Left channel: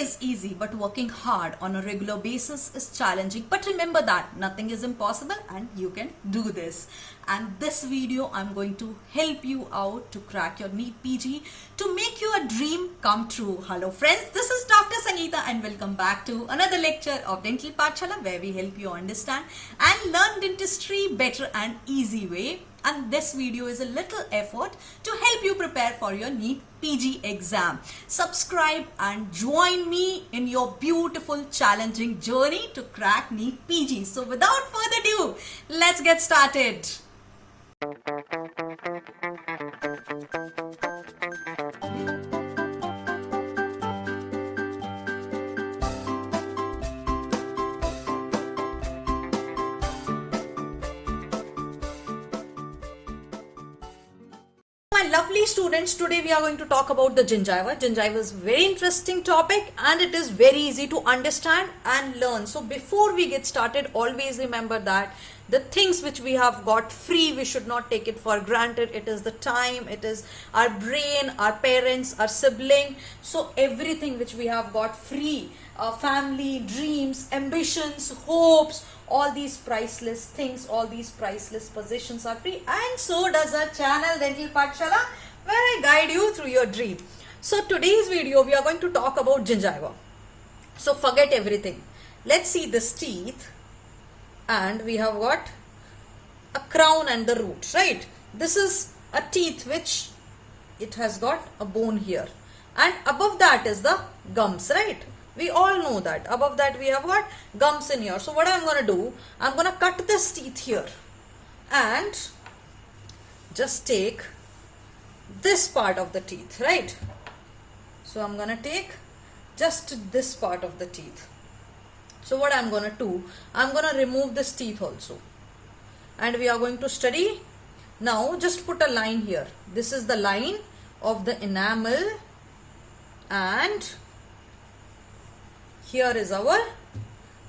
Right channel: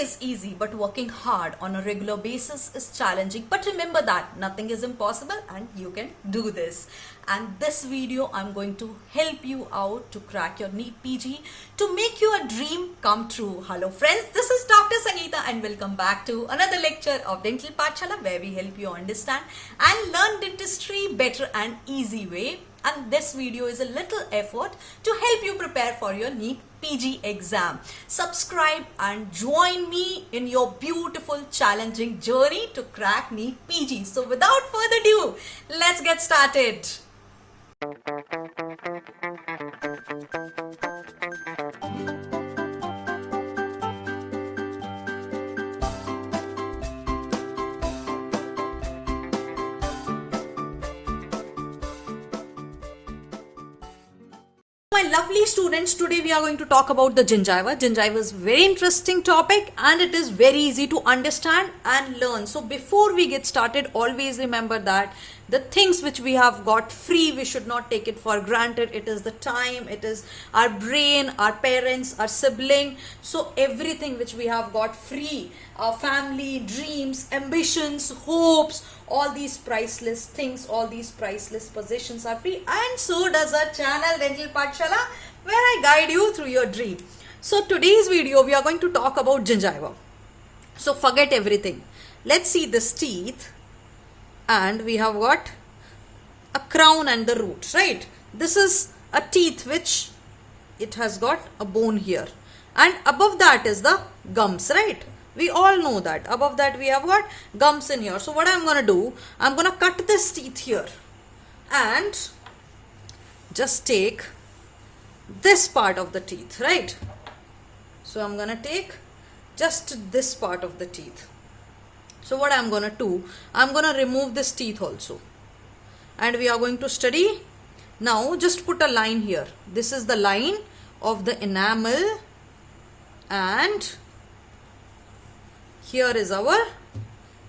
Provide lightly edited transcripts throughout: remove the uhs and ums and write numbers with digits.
is easy, but working hard on a regular basis is challenging. But remember that nothing is impossible and you can do this. And this video, I'm going to help you out to crack your NEET PG, to make your dream come true. Hello friends, this is Dr. Sangeeta and welcome back to another lecture of Dental Pathshala, where we help you understand and learn dentistry better and easy way. And this video is a little effort to help you prepare for your NEET PG exam. Subscribe and join me in your beautiful challenging journey to crack NEET PG. So without further ado, let's get started. My lovely students, today we are going to talk about the gingiva. Gingiva is a very interesting topic and it is very easy to understand and learn. So before we get started, always remember that the things which we have got free, we should not take it for granted. It is the time, it is our brain, our parents, our sibling. So everything which we have got free, our family, dreams, ambitions, hopes, all these priceless things, all these priceless possessions are free, and so does our channel Dental Pathshala, where I guide you through your dream. So today's video we are going to talk about gingiva. So forget everything. Let's see this teeth, and we have got a crown and the root, right? This is a teeth which it has got a bone here, and above that is the gums, right? We all know that. Above that we have got gums in here. So what I'm going to do, I'm going to cut this teeth here and just take this part of the teeth, right? So I'm going to take just this part of the teeth. So what I'm going to do, I'm going to remove this teeth also. And we are going to study. Now just put a line here. This is the line of the enamel, and here is our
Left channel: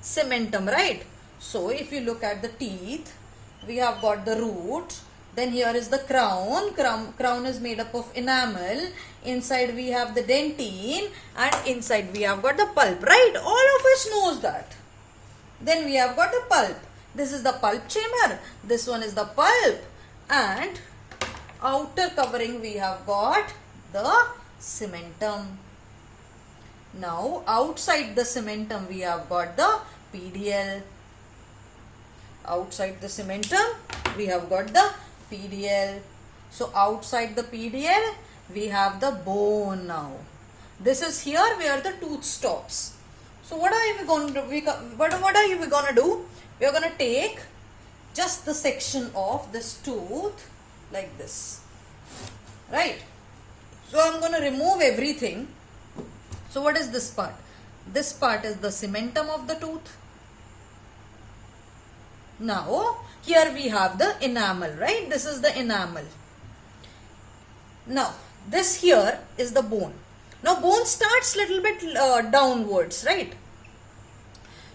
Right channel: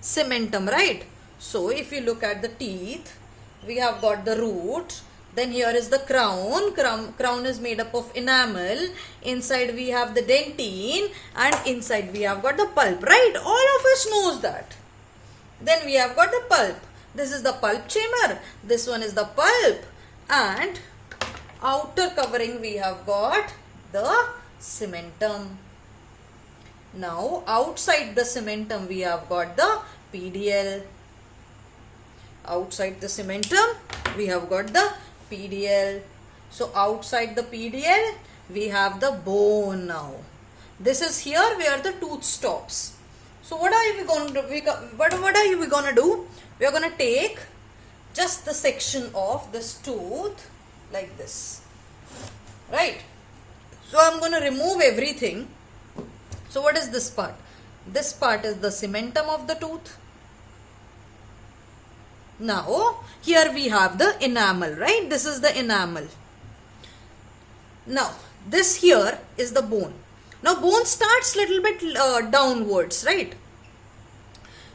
cementum, right? So if you look at the teeth, we have got the root, then here is the crown. Crown is made up of enamel, inside we have the dentine, and inside we have got the pulp, right? All of us knows that. Then we have got the pulp. This is the pulp chamber, this one is the pulp, and outer covering we have got the cementum. Now outside the cementum we have got the PDL. Outside the cementum we have got the PDL. So outside the PDL we have the bone now. This is here where the tooth stops. So what are we going to do? What are we going to do? We are going to take just the section of this tooth like this, right? So I'm going to remove everything. So what is this part? This part is the cementum of the tooth. Now here we have the enamel, right? This is the enamel. Now this here is the bone. Now bone starts little bit downwards, right?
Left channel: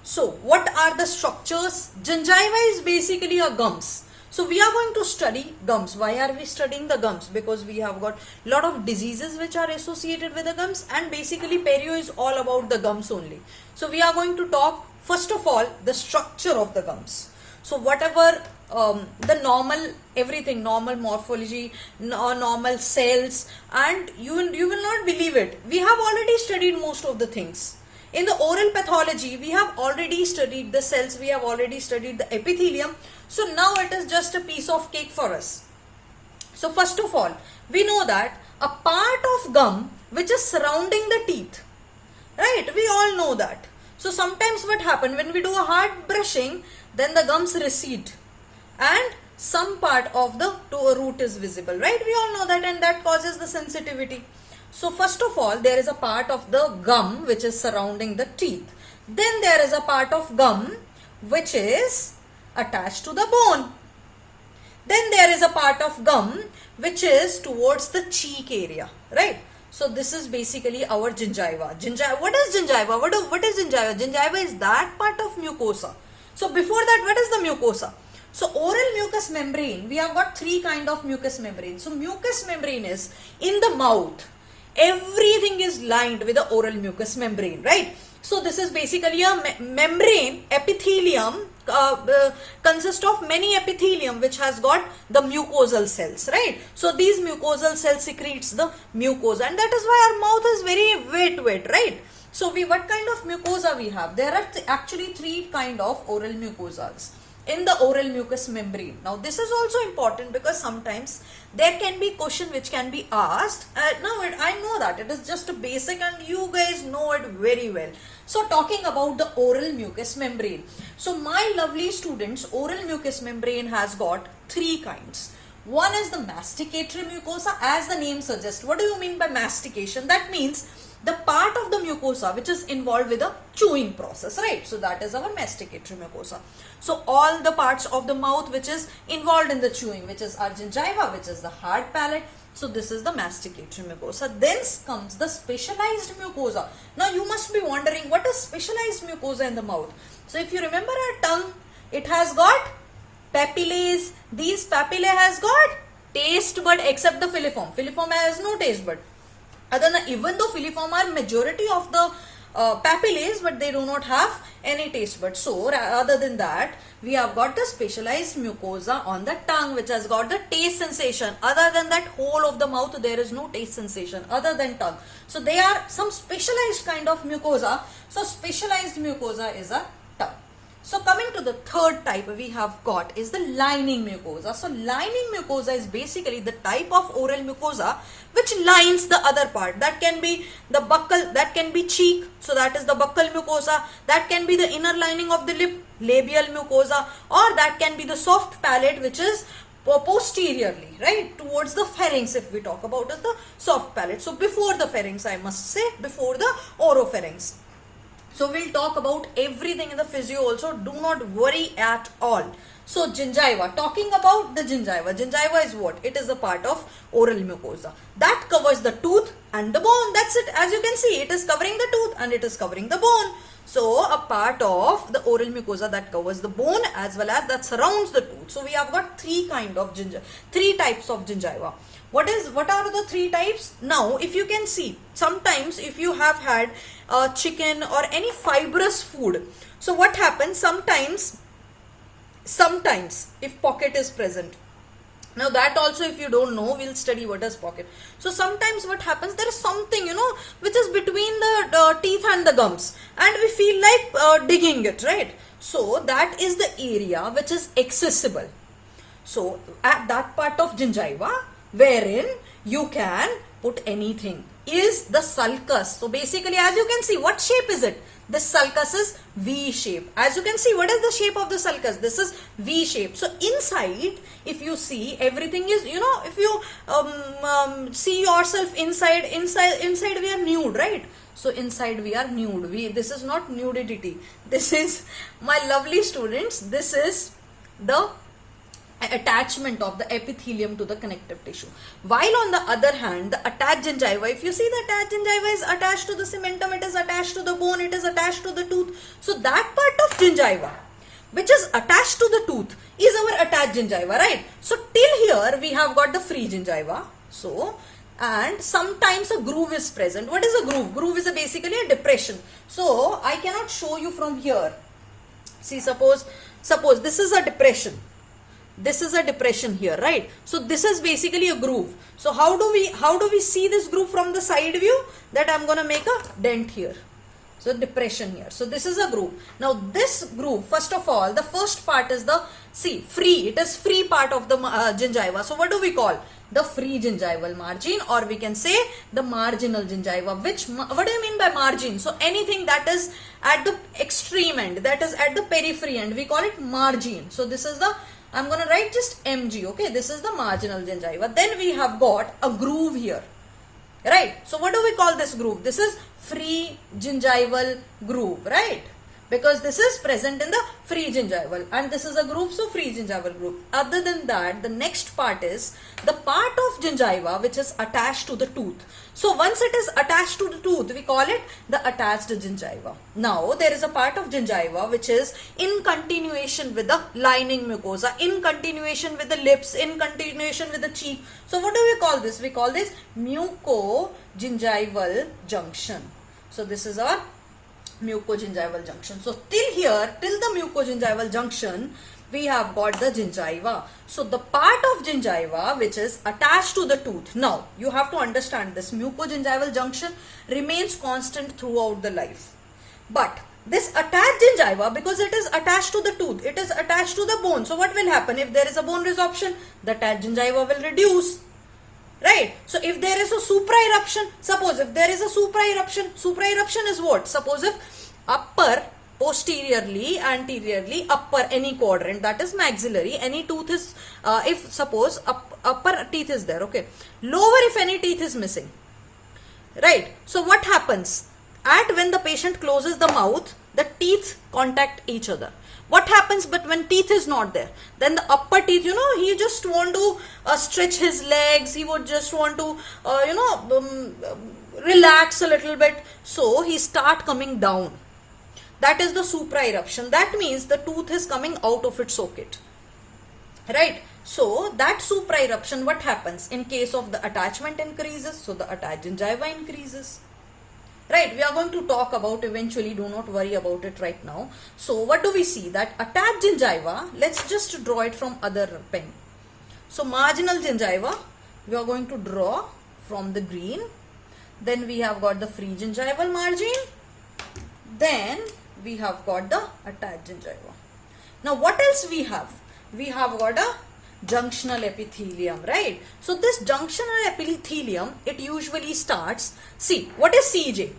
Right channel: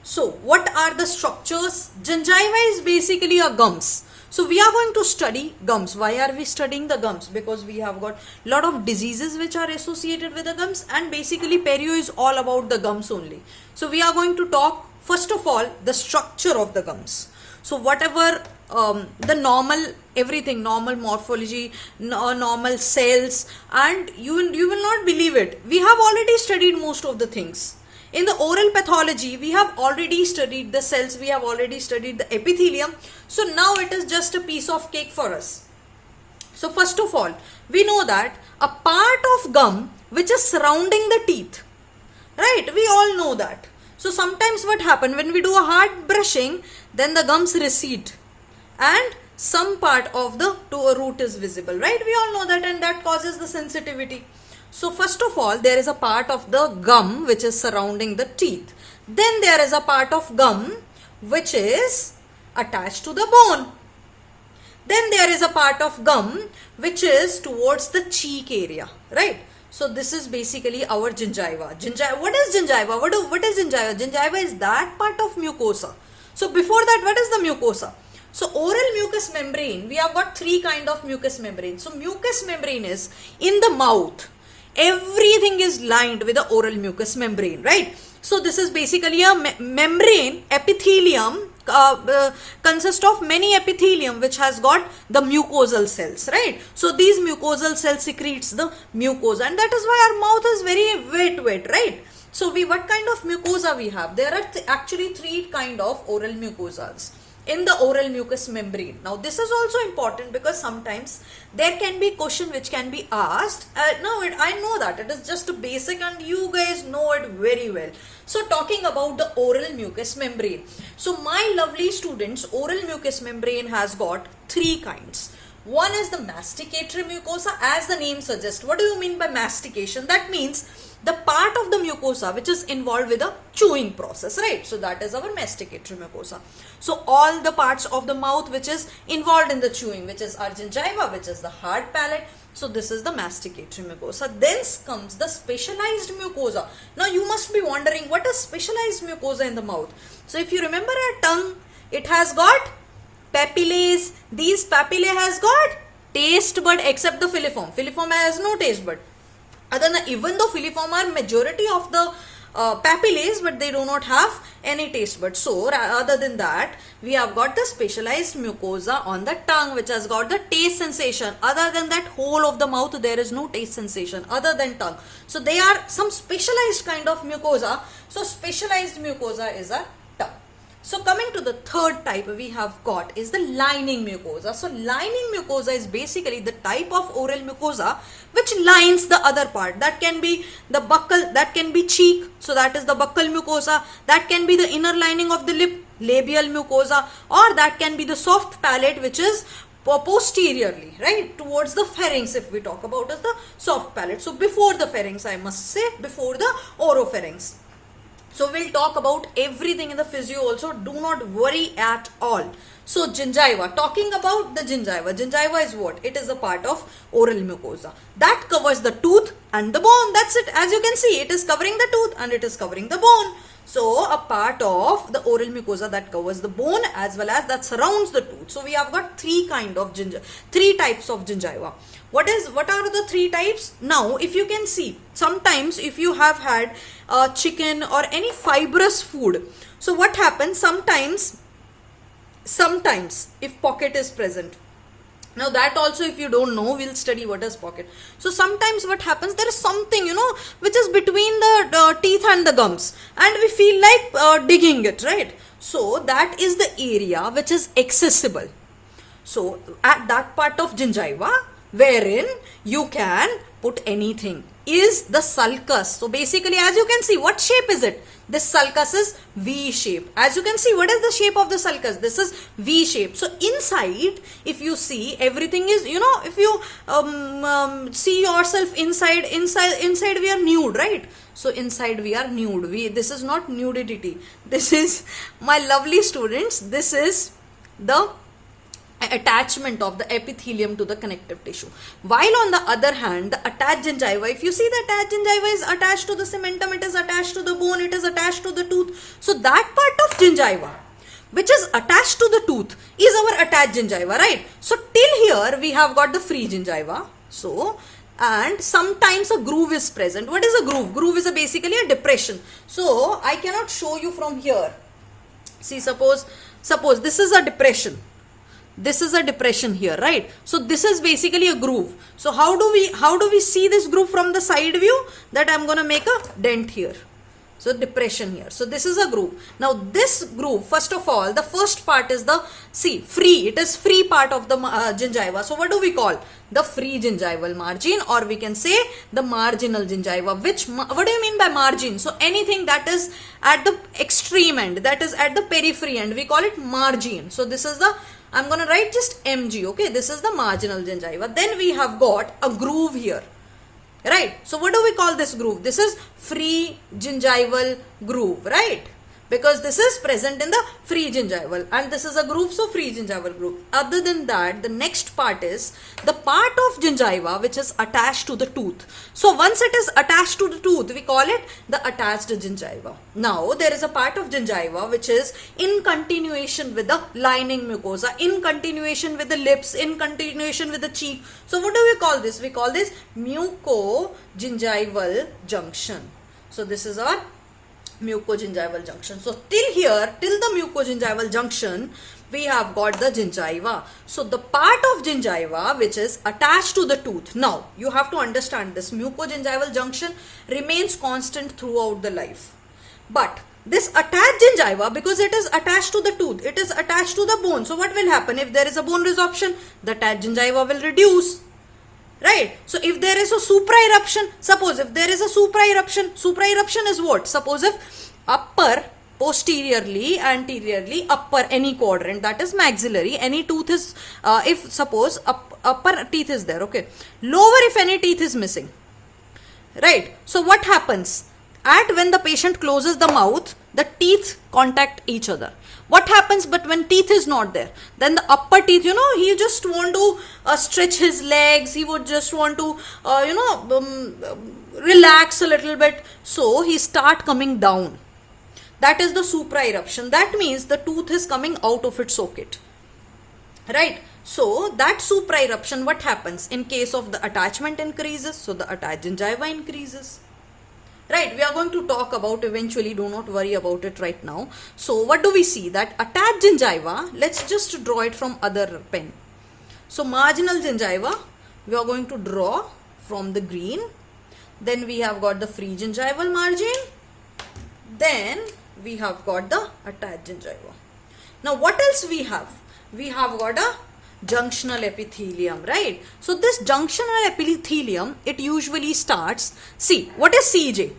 So what are the structures? Gingiva is basically a gums. So we are going to study gums. Why are we studying the gums? Because we have got a lot of diseases which are associated with the gums, and basically perio is all about the gums only. So we are going to talk first of all the structure of the gums. So whatever the normal, everything, normal morphology, normal cells, and you will not believe it. We have already studied most of the things. In the oral pathology, we have already studied the cells, we have already studied the epithelium. So now it is just a piece of cake for us. So first of all, we know that a part of gum which is surrounding the teeth, right? We all know that. So sometimes what happens when we do a hard brushing, then the gums recede and some part of the root is visible, right? We all know that, and that causes the sensitivity. So first of all, there is a part of the gum which is surrounding the teeth. Then there is a part of gum which is attached to the bone. Then there is a part of gum which is towards the cheek area, right? So this is basically our gingiva. What is gingiva? What is gingiva? Gingiva is that part of mucosa. So before that, what is the mucosa? So oral mucous membrane, we have got three kind of mucous membrane. So mucous membrane is in the mouth. everything is lined with the oral mucous membrane, right? So this is basically a membrane. Epithelium consists of many epithelium which has got the mucosal cells, right? So these mucosal cells secretes the mucosa, and that is why our mouth is very wet, right? So what kind of mucosa we have? There are actually three kind of oral mucosas in the oral mucous membrane. Now this is also important because sometimes there can be question which can be asked. I know that it is just a basic and you guys know it very well. So talking about the oral mucous membrane. So my lovely students, oral mucous membrane has got three kinds. One is the masticatory mucosa, as the name suggests. What do you mean by mastication? That means the part of the mucosa which is involved with the chewing process, right? So that is our masticatory mucosa. So all the parts of the mouth which is involved in the chewing, which is our gingiva, which is the hard palate. So this is the masticatory mucosa. Then comes the specialized mucosa. Now you must be wondering, what is specialized mucosa in the mouth? So if you remember our tongue, it has got papillae. These papillae has got taste bud except the filiform. Filiform has no taste bud. Even though filiform are majority of the papillae, but they do not have any taste bud. So other than that, we have got the specialized mucosa on the tongue which has got the taste sensation. Other than that, whole of the mouth there is no taste sensation other than tongue. So they are some specialized kind of mucosa. So specialized mucosa is a tongue. So coming to the third type we have got is the lining mucosa. So lining mucosa is basically the type of oral mucosa which lines the other part. That can be the buccal, that can be cheek, so that is the buccal mucosa. That can be the inner lining of the lip, labial mucosa, or that can be the soft palate which is posteriorly, right, towards the pharynx. If we talk about the soft palate, so before the pharynx, I must say, before the oropharynx. So we'll talk about everything in the physio also. Do not worry at all. So gingiva, talking about the gingiva. Gingiva is what? It is a part of oral mucosa. That covers the tooth and the bone. That's it. As you can see, it is covering the tooth and it is covering the bone. So a part of the oral mucosa that covers the bone as well as that surrounds the tooth. So we have got three types of gingiva. What are the three types? Now, if you can see, sometimes if you have had chicken or any fibrous food, so what happens sometimes if pocket is present. Now that also, if you don't know, we'll study what is pocket. So sometimes what happens, there is something, which is between the teeth and the gums, and we feel like digging it, right? So that is the area which is accessible. So at that part of gingiva wherein you can put anything is the sulcus. So basically, as you can see, what shape is it? This sulcus is V shape. As you can see, what is the shape of the sulcus? This is V shape. So inside, if you see, everything is, if you see yourself inside we are nude, right? So inside we are nude. This is not nudity. This is, my lovely students, this is the attachment of the epithelium to the connective tissue. While on the other hand, the attached gingiva, if you see, the attached gingiva is attached to the cementum, it is attached to the bone, it is attached to the tooth. So that part of gingiva which is attached to the tooth is our attached gingiva, right? So till here we have got the free gingiva. So, and sometimes a groove is present. What is a groove? Groove is basically a depression. So I cannot show you from here. See, suppose this is a depression. This is a depression here, right? So this is basically a groove. So how do we see this groove from the side view? That I'm going to make a dent here. So depression here. So this is a groove. Now this groove, first of all, the first part is the, free. It is free part of the gingiva. So what do we call? The free gingival margin, or we can say the marginal gingiva. What do you mean by margin? So anything that is at the extreme end, that is at the periphery end, we call it margin. So this is the, I'm going to write just mg, okay? This is the marginal gingiva. Then we have got a groove here, right? So what do we call this groove? This is free gingival groove, right? because this is present in the free gingival, and this is a groove, so free gingival groove. Other than that, the next part is the part of gingiva which is attached to the tooth. So once it is attached to the tooth, we call it the attached gingiva. Now there is a part of gingiva which is in continuation with the lining mucosa, in continuation with the lips, in continuation with the cheek. So what do we call this? We call this mucogingival junction. So this is our mucogingival junction. So till here, till the mucogingival junction, we have got the gingiva. So the part of gingiva which is attached to the tooth. Now you have to understand this mucogingival junction remains constant throughout the life. But this attached gingiva, because it is attached to the tooth, it is attached to the bone. So what will happen? If there is a bone resorption, the attached gingiva will reduce. Right? So if there is a supra-eruption, suppose if there is a supra-eruption is what? Suppose if upper, posteriorly, anteriorly, upper, any quadrant, that is maxillary, any tooth is, if suppose upper teeth is there, okay. Lower, if any teeth is missing. Right? So what happens? When the patient closes the mouth, the teeth contact each other. What happens but when teeth is not there? Then the upper teeth, he just want to stretch his legs, he would just want to, relax a little bit. So he start coming down. That is the supra-eruption. That means the tooth is coming out of its socket. Right? So that supra-eruption, what happens? In case of the attachment increases, so the attached gingiva increases. Right, we are going to talk about eventually, do not worry about it right now. So what do we see? That attached gingiva, let's just draw it from other pen. So marginal gingiva, we are going to draw from the green. Then we have got the free gingival margin. Then we have got the attached gingiva. Now what else we have? We have got a junctional epithelium, right? So this junctional epithelium, it usually starts, see, what is CJ?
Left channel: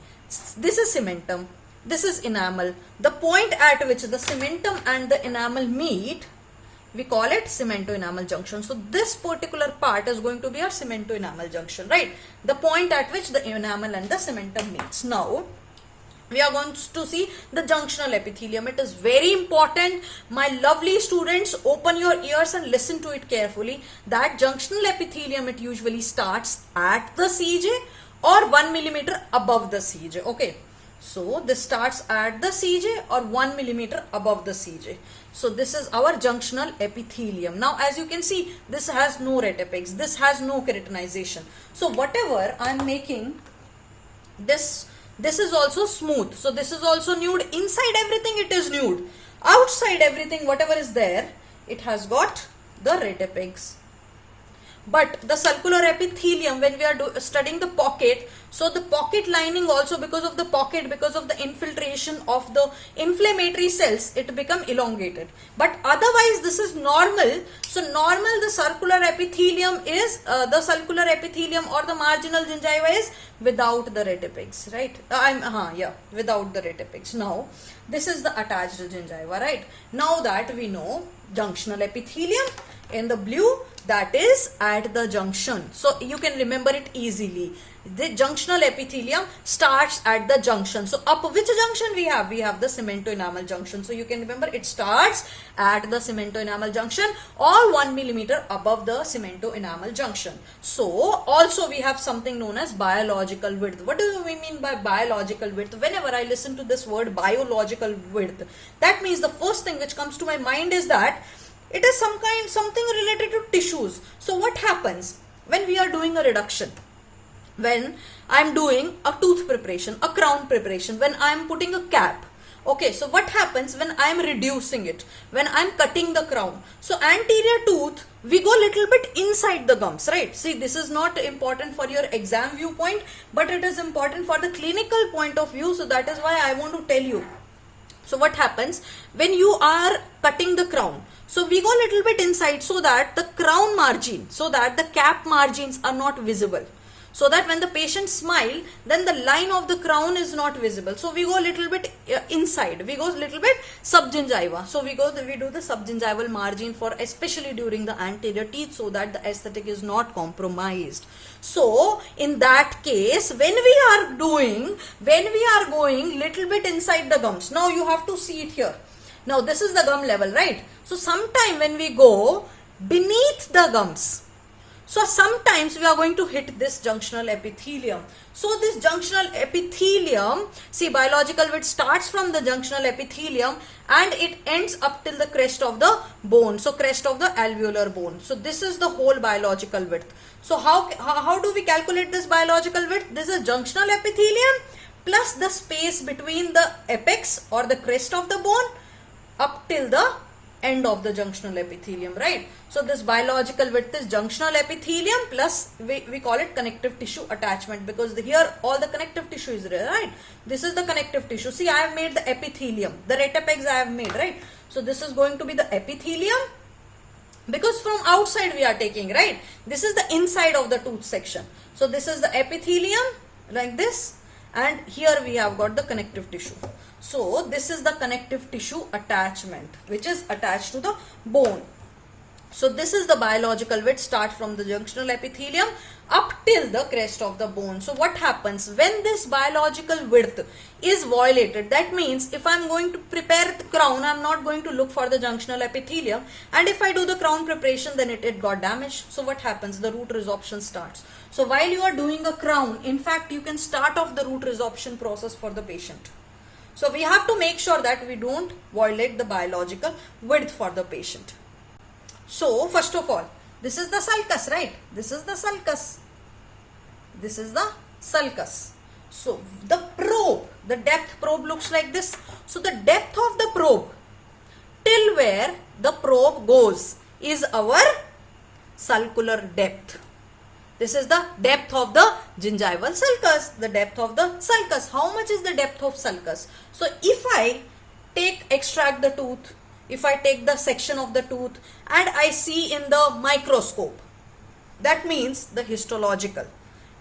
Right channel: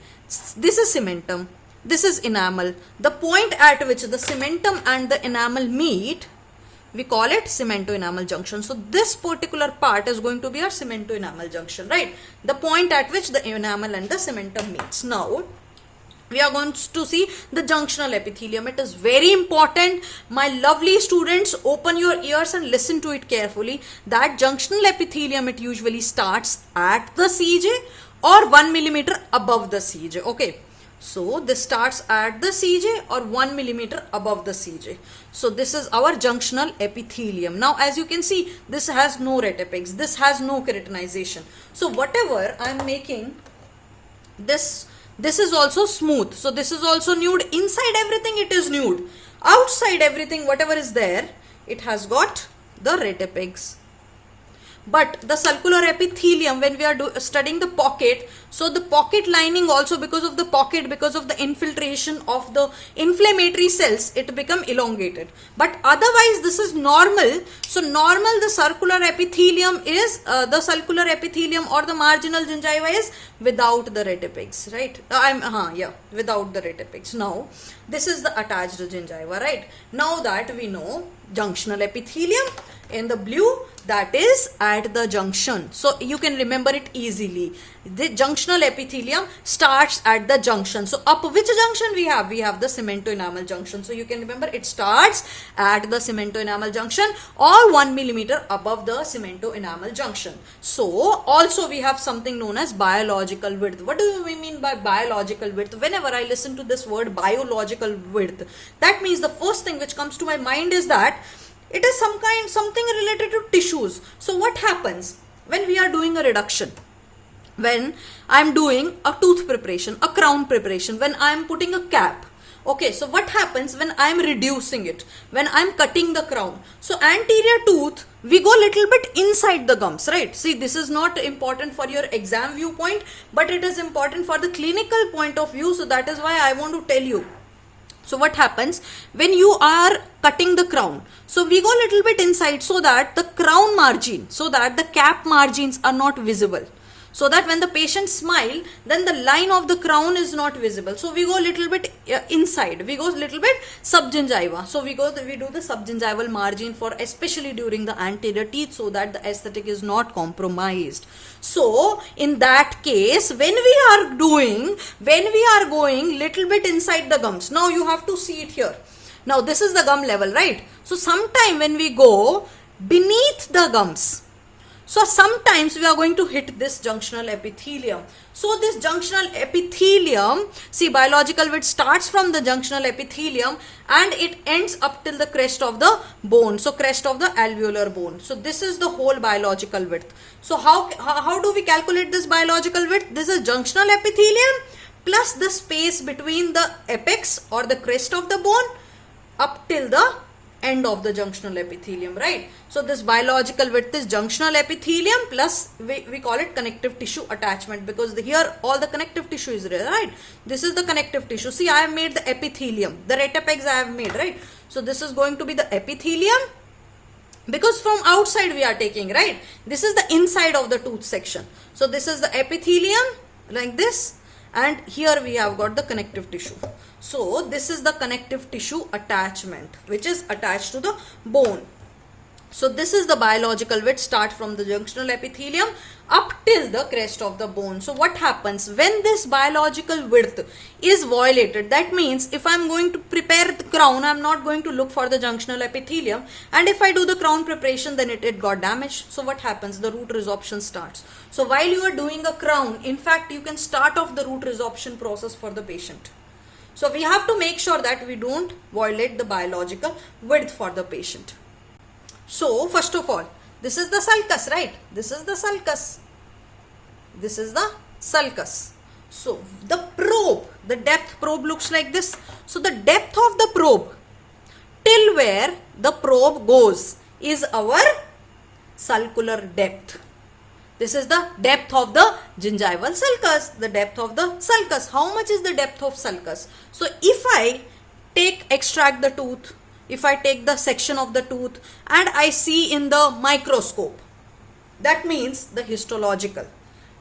This is cementum, this is enamel. The point at which the cementum and the enamel meet, we call it cemento-enamel junction. So this particular part is going to be our cemento-enamel junction, right? The point at which the enamel and the cementum meets. Now we are going to see the junctional epithelium. It is very important. My lovely students, open your ears and listen to it carefully. That junctional epithelium, it usually starts at the CJ or 1 millimeter above the CJ. Okay. So this starts at the CJ or 1 millimeter above the CJ. So this is our junctional epithelium. Now as you can see, this has no retipex. This has no keratinization. So whatever I am making, this is also smooth. So this is also nude. Inside everything it is nude. Outside everything, whatever is there, it has got the retipex. But the sulcular epithelium, when we are studying the pocket, so the pocket lining also, because of the pocket, because of the infiltration of the inflammatory cells, it become elongated. But otherwise this is normal. So normal, the sulcular epithelium is, the sulcular epithelium or the marginal gingiva is without the retipex, right? Without the retipex. Now this is the attached gingiva, right? Now that we know junctional epithelium in the blue, that is at the junction. So you can remember it easily. The junctional epithelium starts at the junction. So up which junction we have? We have the cemento-enamel junction. So you can remember it starts at the cemento-enamel junction or 1 millimeter above the cemento-enamel junction. So also we have something known as biological width. What do we mean by biological width? Whenever I listen to this word biological width, that means the first thing which comes to my mind is that it is something related to tissues. So what happens when we are doing a reduction? When I am doing a tooth preparation, a crown preparation, when I am putting a cap. Okay, so what happens when I am reducing it? When I am cutting the crown. So anterior tooth, we go little bit inside the gums, right? See, this is not important for your exam viewpoint, but it is important for the clinical point of view. So that is why I want to tell you. So what happens when you are cutting the crown? So we go a little bit inside so that the crown margin, so that the cap margins are not visible. so that when the patient smile, then the line of the crown is not visible. So we go a little bit inside, we go a little bit subgingiva. So we do the subgingival margin for especially during the anterior teeth, so that the aesthetic is not compromised. So in that case, when we are going little bit inside the gums, now you have to see it here. Now this is the gum level, right? So sometime when we go beneath the gums, so sometimes we are going to hit this junctional epithelium. So this junctional epithelium, see, biological width starts from the junctional epithelium and it ends up till the crest of the bone. So crest of the alveolar bone. So this is the whole biological width. So how do we calculate this biological width? This is junctional epithelium plus the space between the apex or the crest of the bone up till the end of the junctional epithelium, right? So this biological width is junctional epithelium plus we call it connective tissue attachment, because here all the connective tissue is there, right? This is the connective tissue. See, I have made the epithelium, the retapex I have made, right? So this is going to be the epithelium, because from outside we are taking, right? This is the inside of the tooth section. So this is the epithelium like this, and here we have got the connective tissue. So this is the connective tissue attachment which is attached to the bone. So this is the biological width, start from the junctional epithelium up till the crest of the bone. So what happens when this biological width is violated? That means if I am going to prepare the crown, I am not going to look for the junctional epithelium, and if I do the crown preparation, then it got damaged. So what happens? The root resorption starts. So while you are doing a crown, in fact you can start off the root resorption process for the patient. So we have to make sure that we don't violate the biological width for the patient. So first of all, this is the sulcus, right? This is the sulcus. This is the sulcus. So the probe, the depth probe looks like this. So the depth of the probe till where the probe goes is our sulcular depth. This is the depth of the gingival sulcus, the depth of the sulcus. How much is the depth of sulcus? So if I extract the tooth, if I take the section of the tooth and I see in the microscope, that means the histological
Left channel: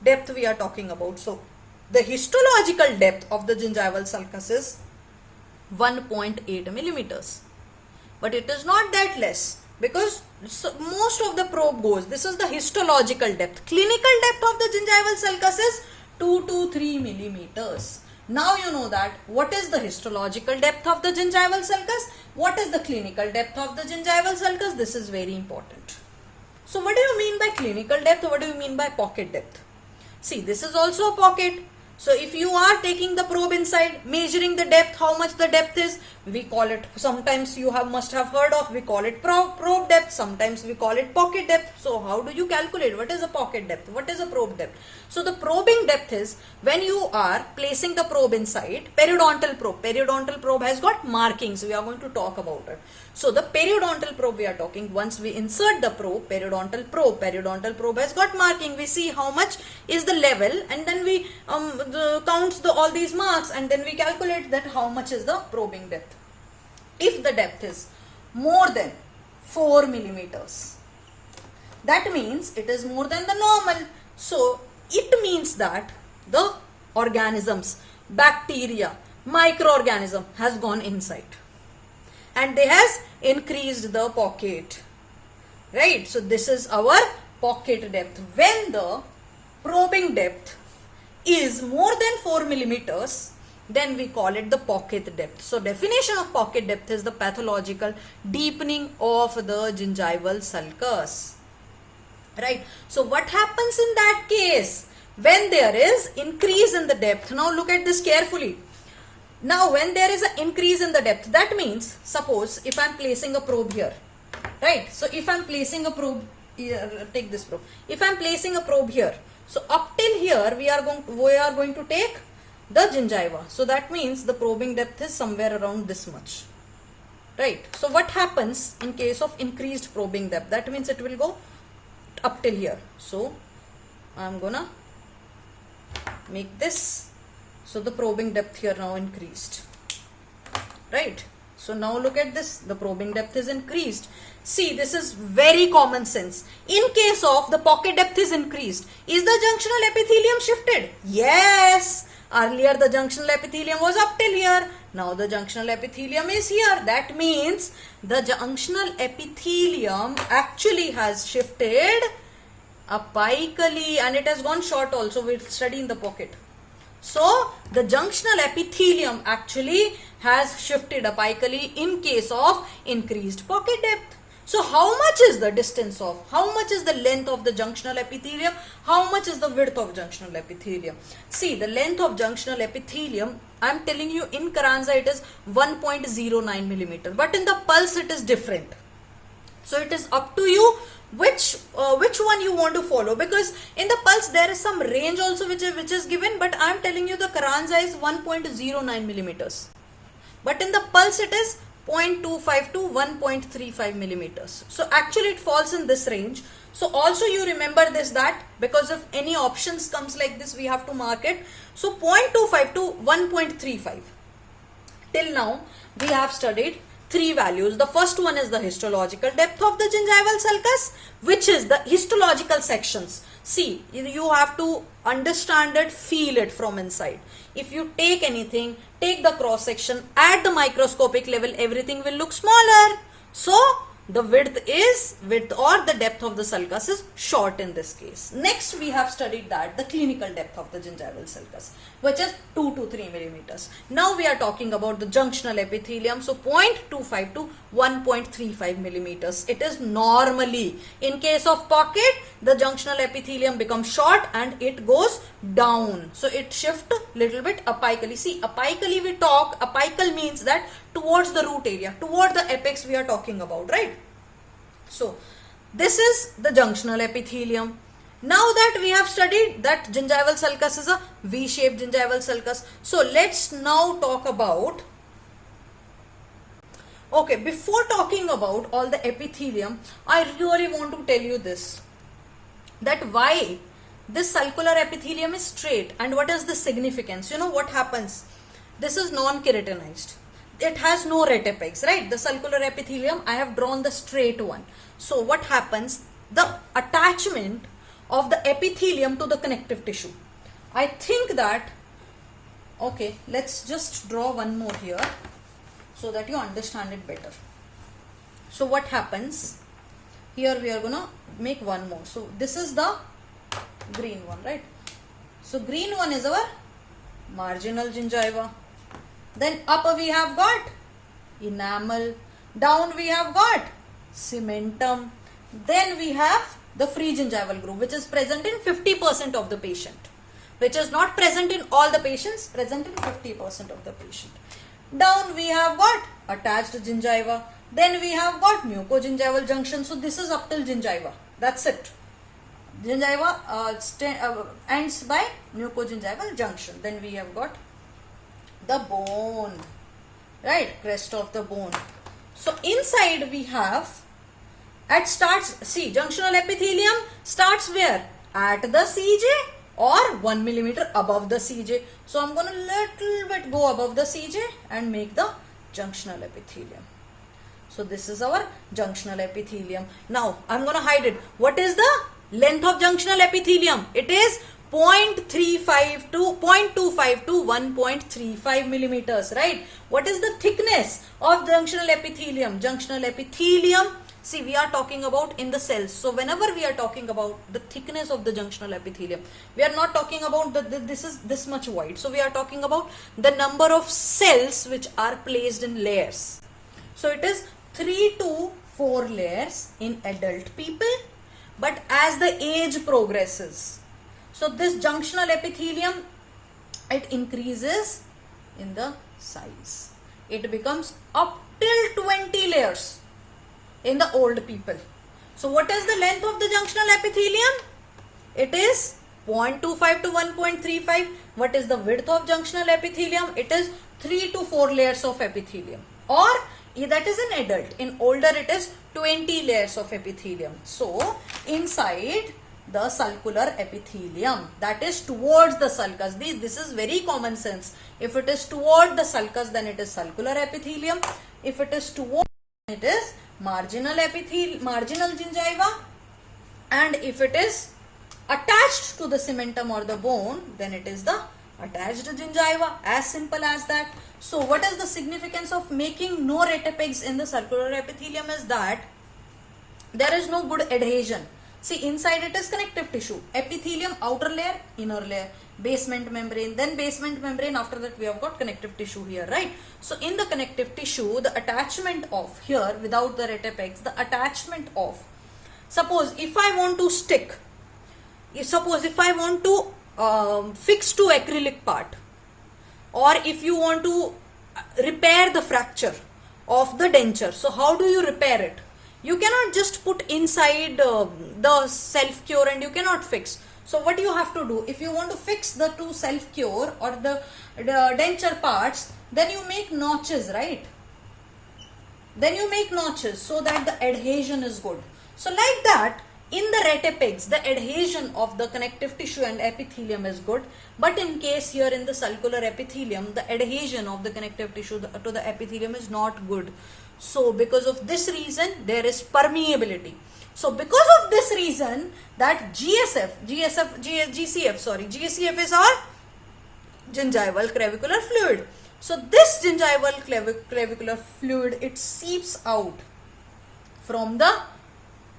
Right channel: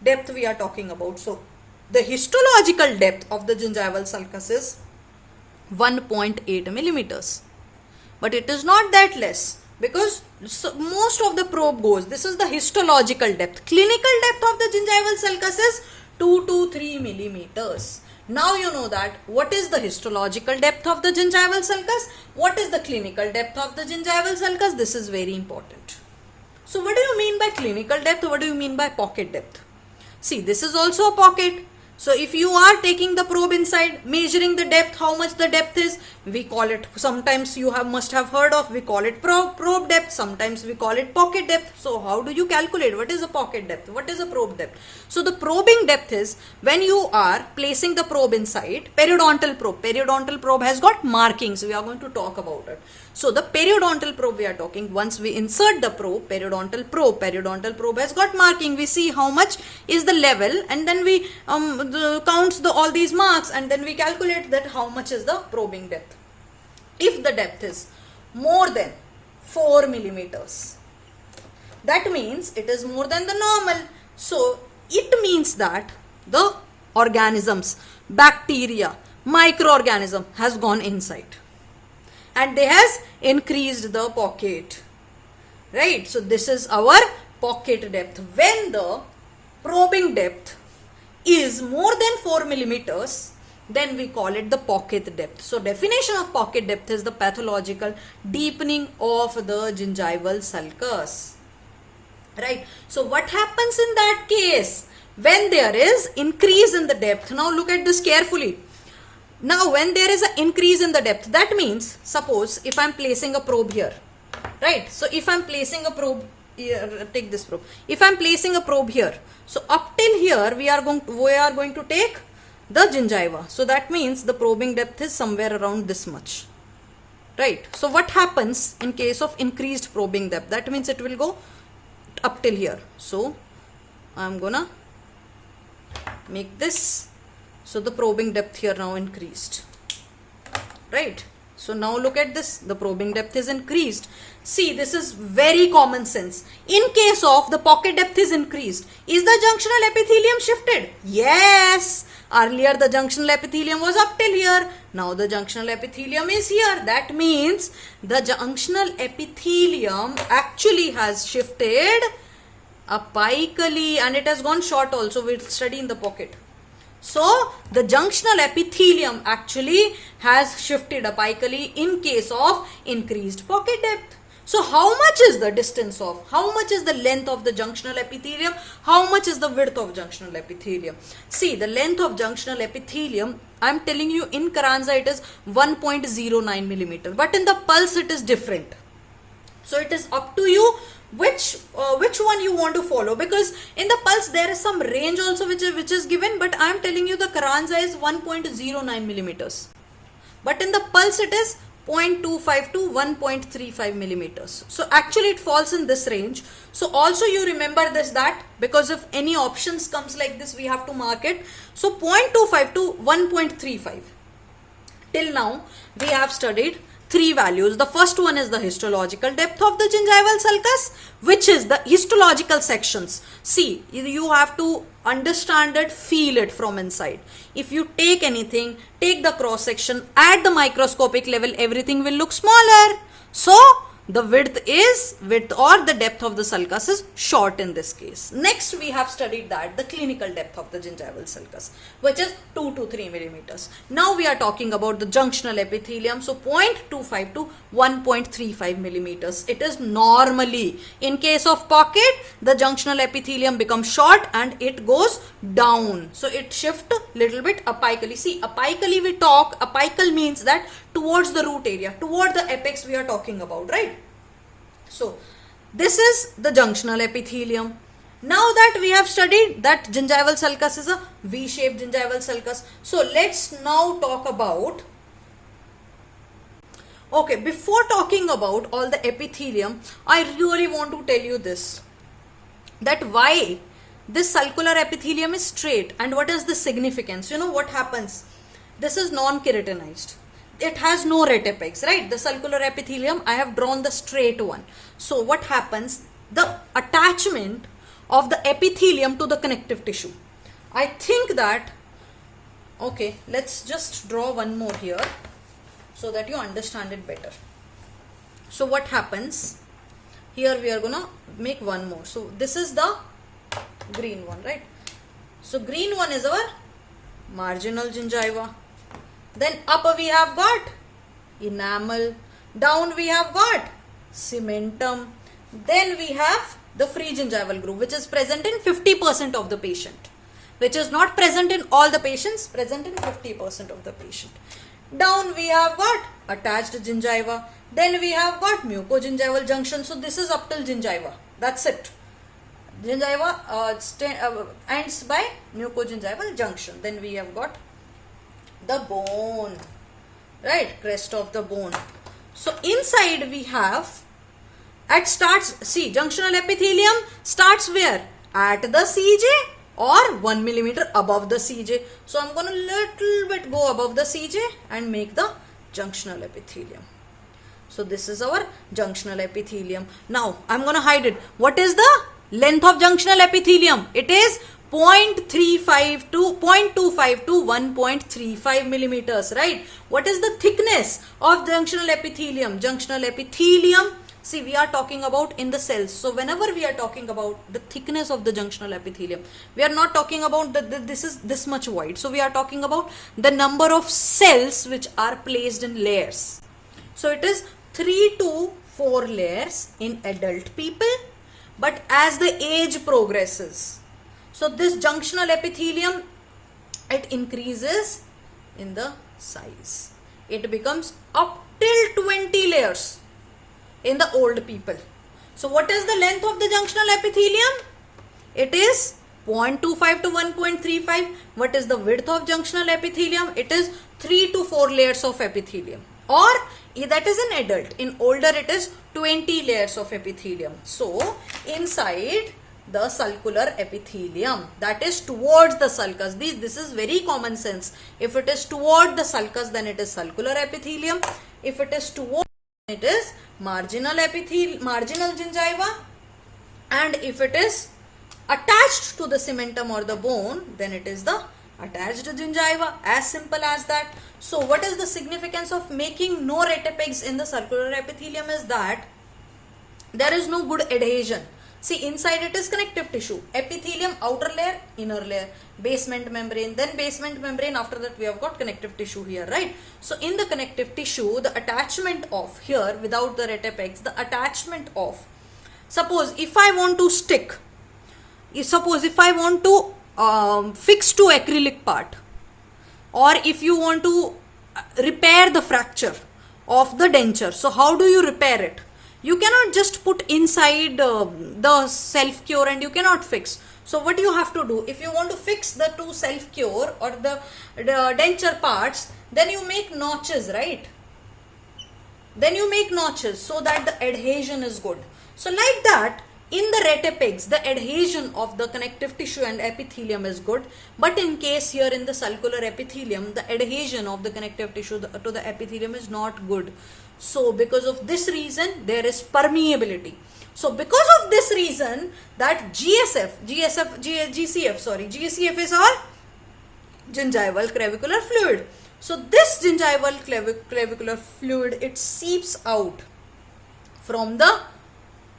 depth we are talking about. So the histological depth of the gingival sulcus is 1.8 millimeters. But it is not that less, because most of the probe goes. This is the histological depth. Clinical depth of the gingival sulcus is 2 to 3 millimeters. Now you know that what is the histological depth of the gingival sulcus, what is the clinical depth of the gingival sulcus. This is very important. So what do you mean by clinical depth? What do you mean by pocket depth? See, this is also a pocket. So if you are taking the probe inside, measuring the depth, how much the depth is, we call it, sometimes you must have heard of, we call it probe depth, sometimes we call it pocket depth. So how do you calculate what is a pocket depth, what is a probe depth? So the probing depth is when you are placing the probe inside. Periodontal probe has got markings, we are going to talk about it. So the periodontal probe we are talking, once we insert the probe, periodontal probe has got marking. We see how much is the level, and then we counts all these marks, and then we calculate that how much is the probing depth. If the depth is more than 4 millimeters, that means it is more than the normal. So it means that the organisms, bacteria, microorganism has gone inside and they has increased the pocket, right? So this is our pocket depth. When the probing depth is more than 4 millimeters, then we call it the pocket depth. So definition of pocket depth is the pathological deepening of the gingival sulcus, right? So what happens in that case when there is increase in the depth? Now look at this carefully. Now when there is an increase in the depth, that means, suppose if I am placing a probe here, right? So if I am placing a probe here, take this probe. If I am placing a probe here, so up till here we are going to take the gingiva. So that means the probing depth is somewhere around this much, right? So what happens in case of increased probing depth? That means it will go up till here. So I am gonna make this. So the probing depth here now increased, right? So now look at this, the probing depth is increased. See, this is very common sense. In case of the pocket depth is increased, is the junctional epithelium shifted? Yes. Earlier the junctional epithelium was up till here. Now the junctional epithelium is here. That means the junctional epithelium actually has shifted apically and it has gone short also. We'll study in the pocket. So the junctional epithelium actually has shifted apically in case of increased pocket depth. So how much is the distance of, how much is the length of the junctional epithelium? How much is the width of junctional epithelium? See, the length of junctional epithelium, I am telling you in Carranza it is 1.09 millimeter, but in the pulse it is different. So it is up to you which one you want to follow, because in the pulse there is some range also which is given, but I am telling you the Carranza is 1.09 millimeters, but in the pulse it is 0.25 to 1.35 millimeters. So actually it falls in this range. So also you remember this, that because if any options comes like this we have to mark it. So 0.25 to 1.35. Till now we have studied three values. The first one is the histological depth of the gingival sulcus, which is the histological sections. See, you have to understand it, feel it from inside. If you take anything, take the cross section at the microscopic level, everything will look smaller. So the width or the depth of the sulcus is short in this case. Next we have studied that the clinical depth of the gingival sulcus, which is 2 to 3 millimeters. Now we are talking about the junctional epithelium. So 0.25 to 1.35 millimeters. It is normally, in case of pocket, the junctional epithelium becomes short and it goes down. So it shifts little bit apically. See, apically we talk, apical means that towards the root area, toward the apex we are talking about, right? So this is the junctional epithelium. Now that we have studied that gingival sulcus is a V-shaped gingival sulcus. So let's now talk about, okay, before talking about all the epithelium, I really want to tell you this, that why this sulcular epithelium is straight and what is the significance. You know what happens? This is non-keratinized. It has no ret apex, right? The sulcular epithelium, I have drawn the straight one. So what happens? The attachment of the epithelium to the connective tissue. I think that, okay, let's just draw one more here so that you understand it better. So what happens? Here we are gonna make one more. So this is the green one, right? So green one is our marginal gingiva. Then up we have got enamel, down we have got cementum, then we have the free gingival groove, which is present in 50% of the patient, which is not present in all the patients, present in 50% of the patient. Down we have got attached gingiva, then we have got mucogingival junction. So this is up till gingiva, that's it. Gingiva ends by mucogingival junction. Then we have got the bone, right, crest of the bone. So inside we have, at starts, see, junctional epithelium starts where? At the CJ or 1 millimeter above the CJ. So I'm going to little bit go above the CJ and make the junctional epithelium. So this is our junctional epithelium. Now I'm going to hide it. What is the length of junctional epithelium? It is 0.25 to 1.35 millimeters, right? What is the thickness of junctional epithelium? Junctional epithelium, see, we are talking about in the cells. So whenever we are talking about the thickness of the junctional epithelium, we are not talking about this is this much wide. So we are talking about the number of cells which are placed in layers. So it is 3 to 4 layers in adult people, but as the age progresses, so this junctional epithelium, it increases in the size. It becomes up till 20 layers in the old people. So what is the length of the junctional epithelium? It is 0.25 to 1.35. What is the width of junctional epithelium? It is 3 to 4 layers of epithelium. Or that is an adult. In older it is 20 layers of epithelium. So inside the sulcular epithelium, that is towards the sulcus. This is very common sense. If it is toward the sulcus, then it is sulcular epithelium. If it is towards, it is marginal gingiva, and if it is attached to the cementum or the bone, then it is the attached gingiva. As simple as that. So what is the significance of making no retapex in the circular epithelium is that there is no good adhesion. See, inside it is connective tissue, epithelium, outer layer, inner layer, basement membrane, then basement membrane. After that we have got connective tissue here, right? So in the connective tissue, the attachment of here, without the retapex, the attachment of, suppose if I want to stick, suppose if I want to fix to acrylic part, or if you want to repair the fracture of the denture, so how do you repair it? You cannot just put inside the self cure and you cannot fix. So what you have to do, if you want to fix the two self cure or the denture parts, then you make notches, right? Then you make notches so that the adhesion is good. So like that, in the retapex, the adhesion of the connective tissue and epithelium is good. But in case here in the sulcular epithelium, the adhesion of the connective tissue to the epithelium is not good. So because of this reason, there is permeability. So because of this reason, that GCF is our gingival clavicular fluid. So this gingival clavicular fluid, it seeps out from the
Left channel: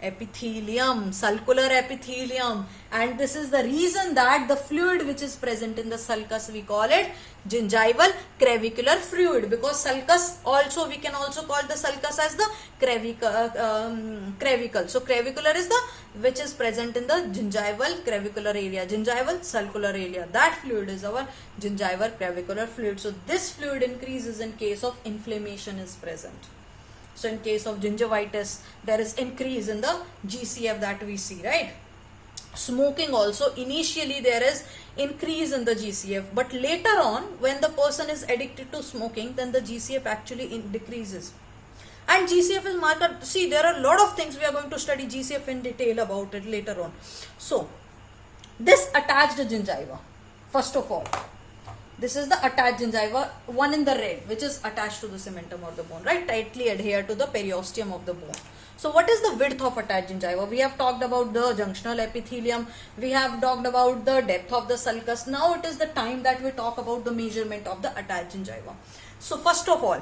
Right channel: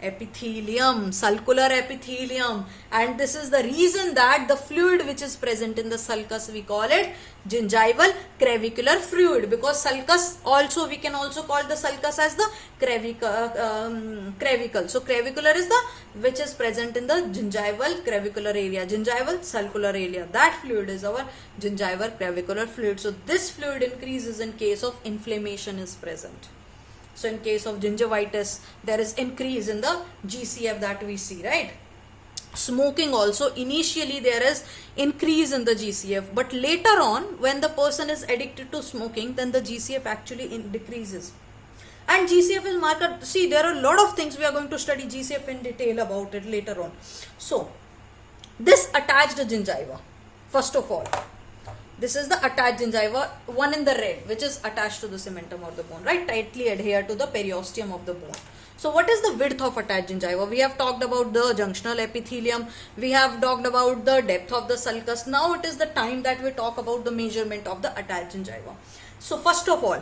epithelium, sulcular epithelium, and this is the reason that the fluid which is present in the sulcus, we call it gingival clavicular fluid, because sulcus also, we can also call the sulcus as the clavicle. So clavicular is the which is present in the gingival clavicular area, gingival sulcular area. That fluid is our gingival clavicular fluid. So this fluid increases in case of inflammation is present. So in case of gingivitis, there is increase in the GCF that we see, right? Smoking also, initially there is increase in the GCF, but later on when the person is addicted to smoking, then the GCF actually decreases. And GCF is marker. See, there are a lot of things we are going to study GCF in detail about it later on. So this attached gingiva, first of all, this is the attached gingiva, one in the red, which is attached to the cementum or the bone, right? Tightly adhere to the periosteum of the bone. So what is the width of attached gingiva? We have talked about the junctional epithelium. We have talked about the depth of the sulcus. Now it is the time that we talk about the measurement of the attached gingiva. So first of all,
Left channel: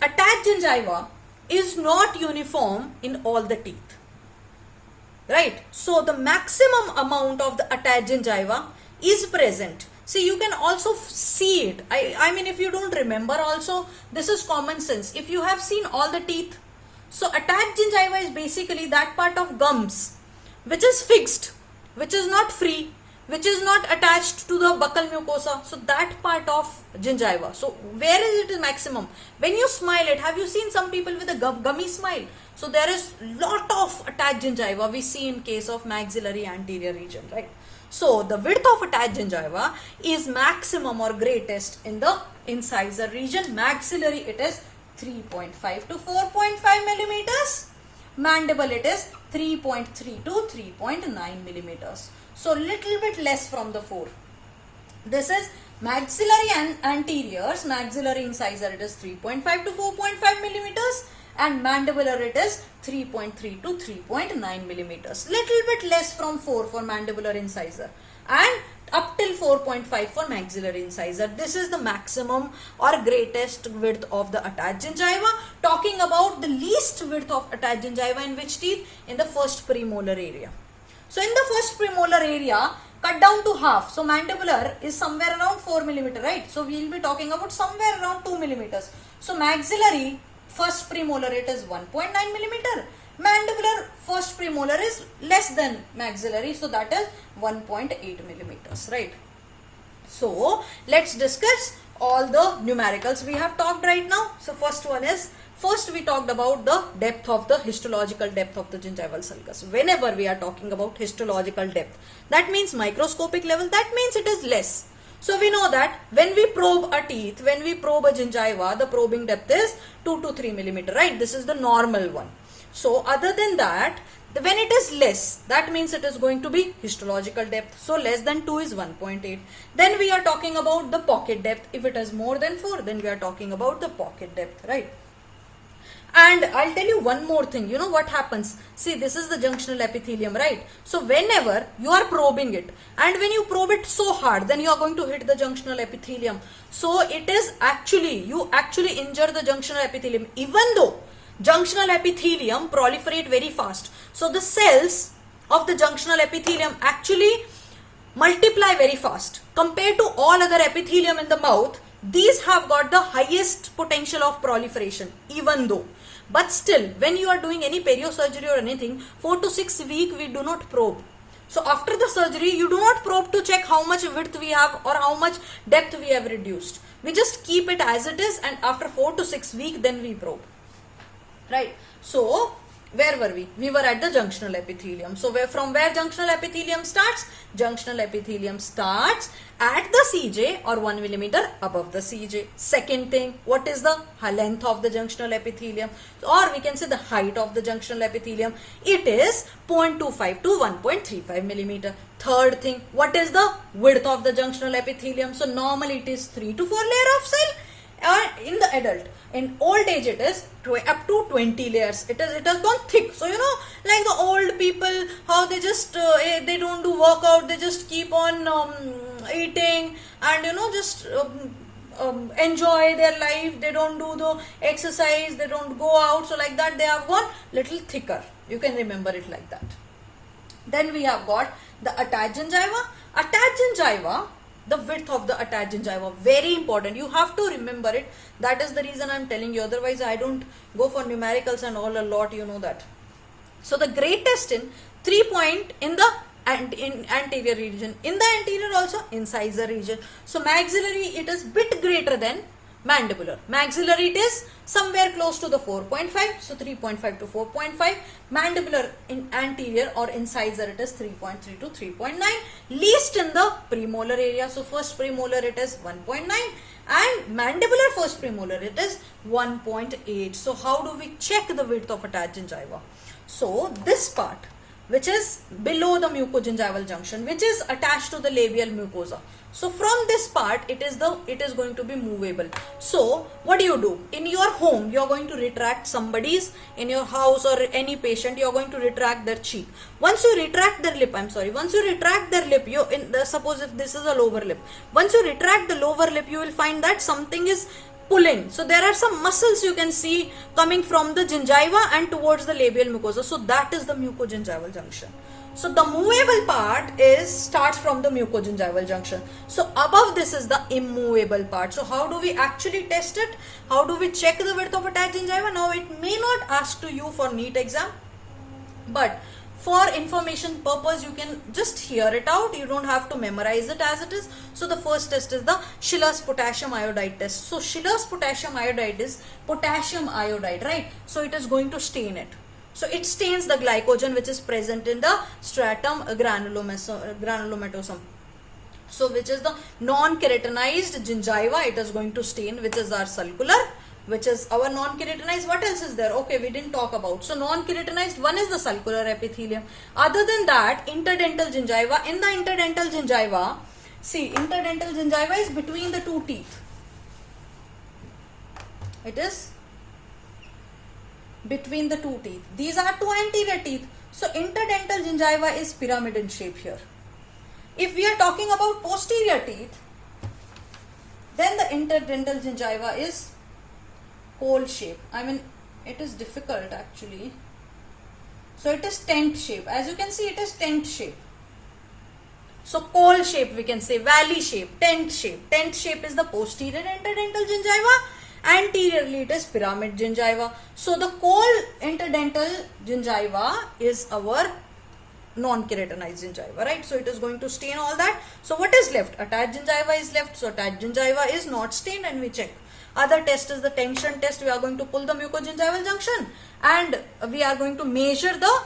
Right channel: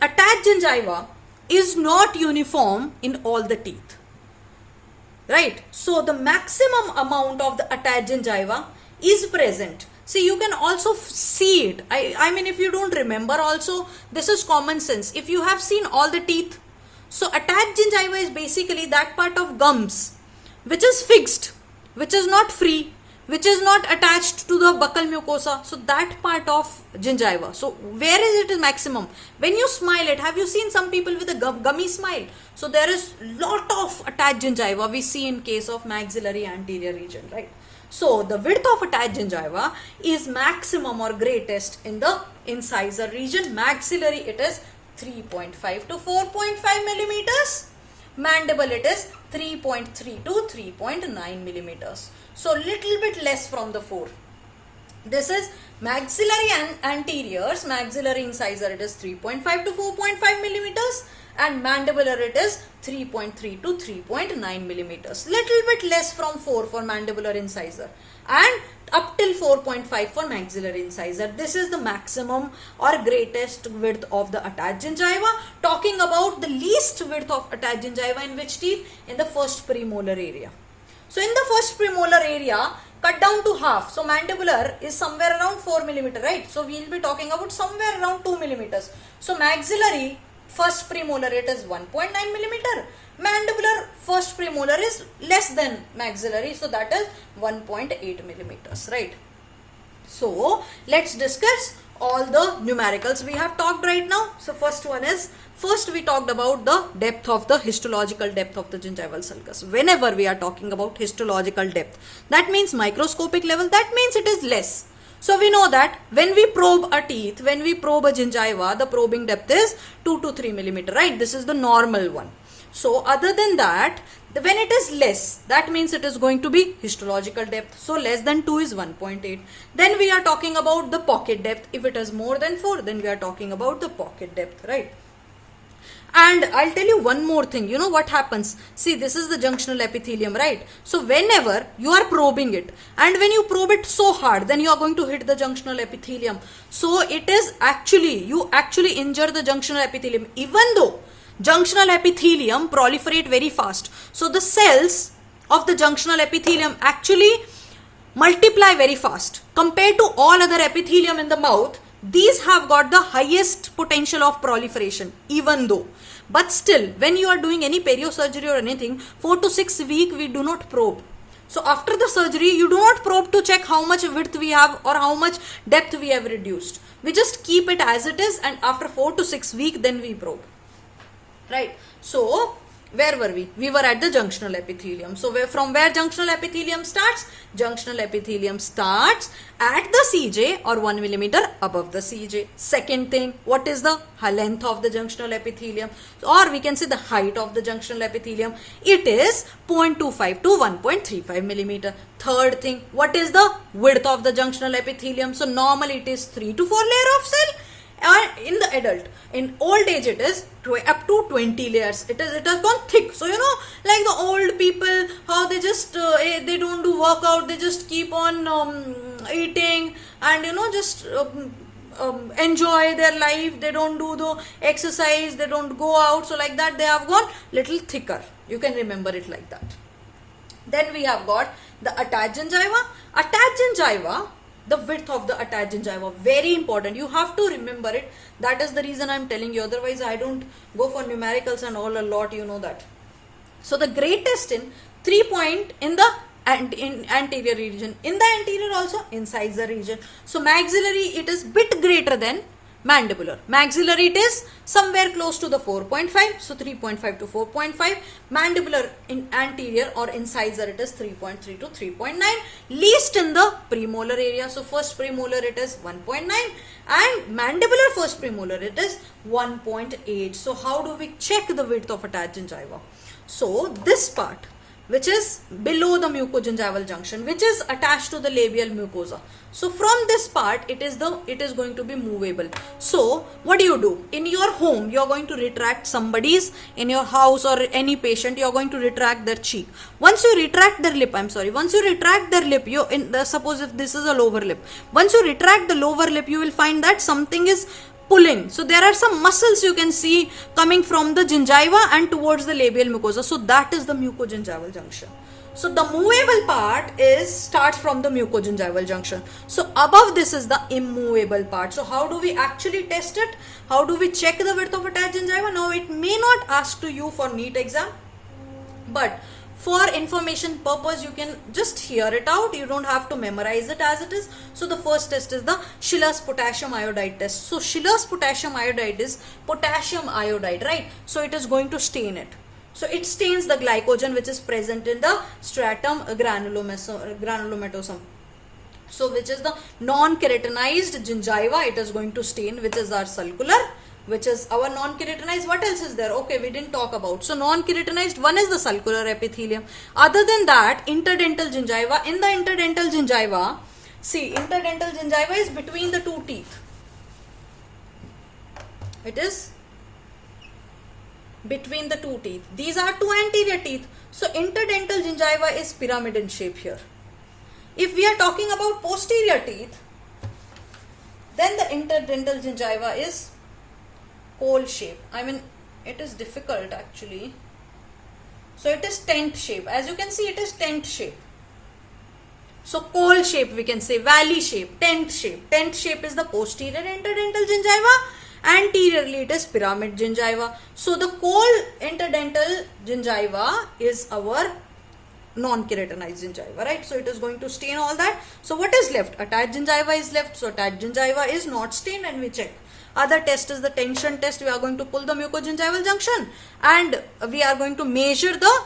attached gingiva is not uniform in all the teeth, right? So the maximum amount of the attached gingiva is present. See, you can also see it. I mean, if you don't remember also, this is common sense. If you have seen all the teeth, so attached gingiva is basically that part of gums which is fixed, which is not free, which is not attached to the buccal mucosa. So that part of gingiva. So where is it maximum? When you smile it, have you seen some people with a gummy smile? So there is lot of attached gingiva we see in case of maxillary anterior region, right? So the width of attached gingiva is maximum or greatest in the incisor region. Maxillary, it is 3.5 to 4.5 millimeters. Mandible, it is 3.3 to 3.9 millimeters. So little bit less from the 4. This is maxillary and anteriors. Maxillary incisor, it is 3.5 to 4.5 millimeters. And mandibular, it is 3.3 to 3.9 millimeters. Little bit less from 4 for mandibular incisor and up till 4.5 for maxillary incisor. This is the maximum or greatest width of the attached gingiva. Talking about the least width of attached gingiva in which teeth? In the first premolar area. So in the first premolar area, cut down to half. So mandibular is somewhere around 4 millimeter, right? So we will be talking about somewhere around 2 millimeters. So maxillary first premolar, it is 1.9 millimeter. Mandibular first premolar is less than maxillary, so that is 1.8 millimeters, right? So let's discuss all the numericals we have talked right now. So first one is, first we talked about the depth of the histological depth of the gingival sulcus. Whenever we are talking about histological depth, that means microscopic level, that means it is less. So we know that when we probe a teeth, when we probe a gingiva, the probing depth is 2 to 3 millimeter, right? This is the normal one. So other than that, when it is less, that means it is going to be histological depth. So less than 2 is 1.8. Then we are talking about the pocket depth. If it is more than 4, then we are talking about the pocket depth, right? And I'll tell you one more thing. You know what happens? See, this is the junctional epithelium, right? So whenever you are probing it, and when you probe it so hard, then you are going to hit the junctional epithelium. So it is actually, you actually injure the junctional epithelium, even though junctional epithelium proliferate very fast. So the cells of the junctional epithelium actually multiply very fast. Compared to all other epithelium in the mouth, these have got the highest potential of proliferation, even though. But still, when you are doing any perio surgery or anything, 4 to 6 weeks we do not probe. So after the surgery, you do not probe to check how much width we have or how much depth we have reduced. We just keep it as it is, and after 4 to 6 weeks, then we probe. Right? So where were we? We were at the junctional epithelium. So from where junctional epithelium starts? Junctional epithelium starts at the CJ or 1 millimeter above the CJ. Second thing, what is the length of the junctional epithelium? Or we can say the height of the junctional epithelium. It is 0.25 to 1.35 millimeter. Third thing, what is the width of the junctional epithelium? So normally it is 3 to 4 layer of cell. In the adult, in old age, it is up to 20 layers. It has gone thick. So you know, like the old people, how they just they don't do workout, they just keep on eating and you know just enjoy their life. They don't do the exercise, they don't go out. So like that, they have gone little thicker. You can remember it like that. Then we have got the attached gingiva. Attached gingiva, the width of the attached gingiva, very important. You have to remember it. That is the reason I am telling you. Otherwise, I don't go for numericals and all a lot. You know that. So the greatest in 3 point in the anterior region. In the anterior also incisor region. So maxillary, it is bit greater than mandibular. Maxillary, it is somewhere close to the 4.5. So 3.5 to 4.5. Mandibular in anterior or incisor, it is 3.3 to 3.9. Least in the premolar area. So first premolar, it is 1.9. And mandibular first premolar, it is 1.8. So how do we check the width of attached gingiva? So this part, which is below the mucogingival junction, which is attached to the labial mucosa. So from this part, it is going to be movable. So what do? In your home, you are going to retract somebody's, in your house or any patient, you are going to retract their cheek. Once you retract their lip, once you retract their lip, suppose if this is a lower lip, once you retract the lower lip, you will find that something is pulling. So there are some muscles you can see coming from the gingiva and towards the labial mucosa. So that is the mucogingival junction. So the movable part starts from the mucogingival junction. So above this is the immovable part. So how do we actually test it? How do we check the width of attached gingiva? Now it may not ask to you for NEET exam, but for information purpose, you can just hear it out. You don't have to memorize it as it is. So the first test is the Schiller's potassium iodide test. So Schiller's potassium iodide is potassium iodide, right? So it is going to stain it. So it stains the glycogen which is present in the stratum granulomatosum. So which is the non-keratinized gingiva, it is going to stain, which is our sulcular, which is our non-keratinized. What else is there? Okay, we didn't talk about. So non-keratinized, one is the sulcular epithelium. Other than that, interdental gingiva. In the interdental gingiva, see, interdental gingiva is between the two teeth. It is between the two teeth. These are two anterior teeth. So interdental gingiva is pyramid in shape here. If we are talking about posterior teeth, then the interdental gingiva is pole shape. It is difficult actually. So it is tent shape. As you can see, it is tent shape. So pole shape we can say, valley shape, tent shape. Tent shape is the posterior interdental gingiva. Anteriorly it is pyramid gingiva. So the cold interdental gingiva is our non-keratinized gingiva, right? So it is going to stain all that. So what is left? Attached gingiva is left. So attached gingiva is not stained and we check. Other test is the tension test. We are going to pull the mucogingival junction and we are going to measure the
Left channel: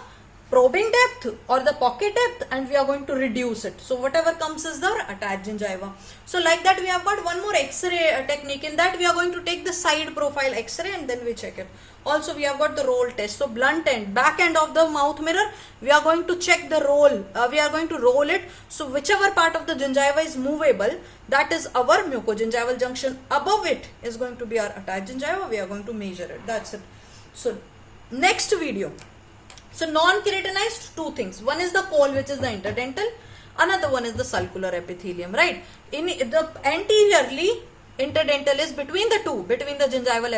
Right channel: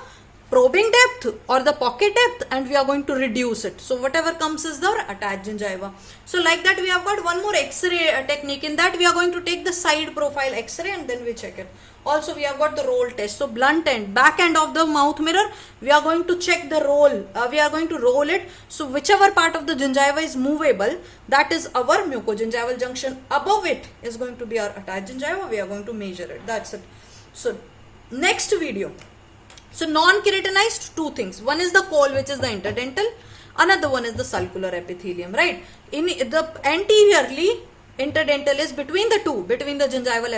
probing depth or the pocket depth, and we are going to reduce it. So whatever comes is the attached gingiva. So like that we have got one more x-ray technique. In that we are going to take the side profile x-ray and then we check it. Also we have got the roll test. So blunt end, back end of the mouth mirror, we are going to check the roll. We are going to roll it. So whichever part of the gingiva is movable, that is our mucogingival junction. Above it is going to be our attached gingiva. We are going to measure it. That's it. So next video. So non-keratinized, two things. One is the col, which is the interdental. Another one is the sulcular epithelium, right? In the anteriorly, interdental is between the two, between the gingival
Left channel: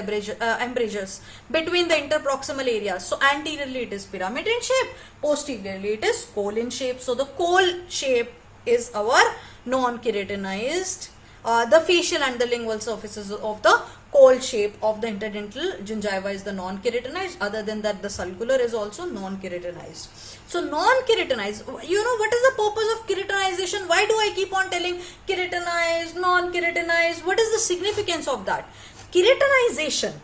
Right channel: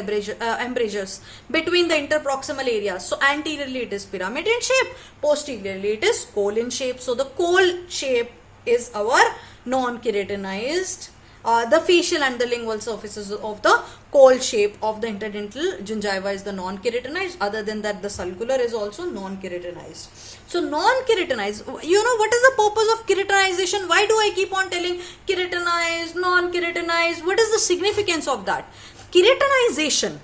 embrasures, between the interproximal areas. So anteriorly it is pyramid in shape, posteriorly it is col in shape. So the col shape is our non-keratinized. The facial and the lingual surfaces of the col shape of the interdental gingiva is the non-keratinized. Other than that, the sulcular is also non-keratinized. So non-keratinized, you know what is the purpose of keratinization? Why do I keep on telling keratinized, non-keratinized? What is the significance of that? Keratinization,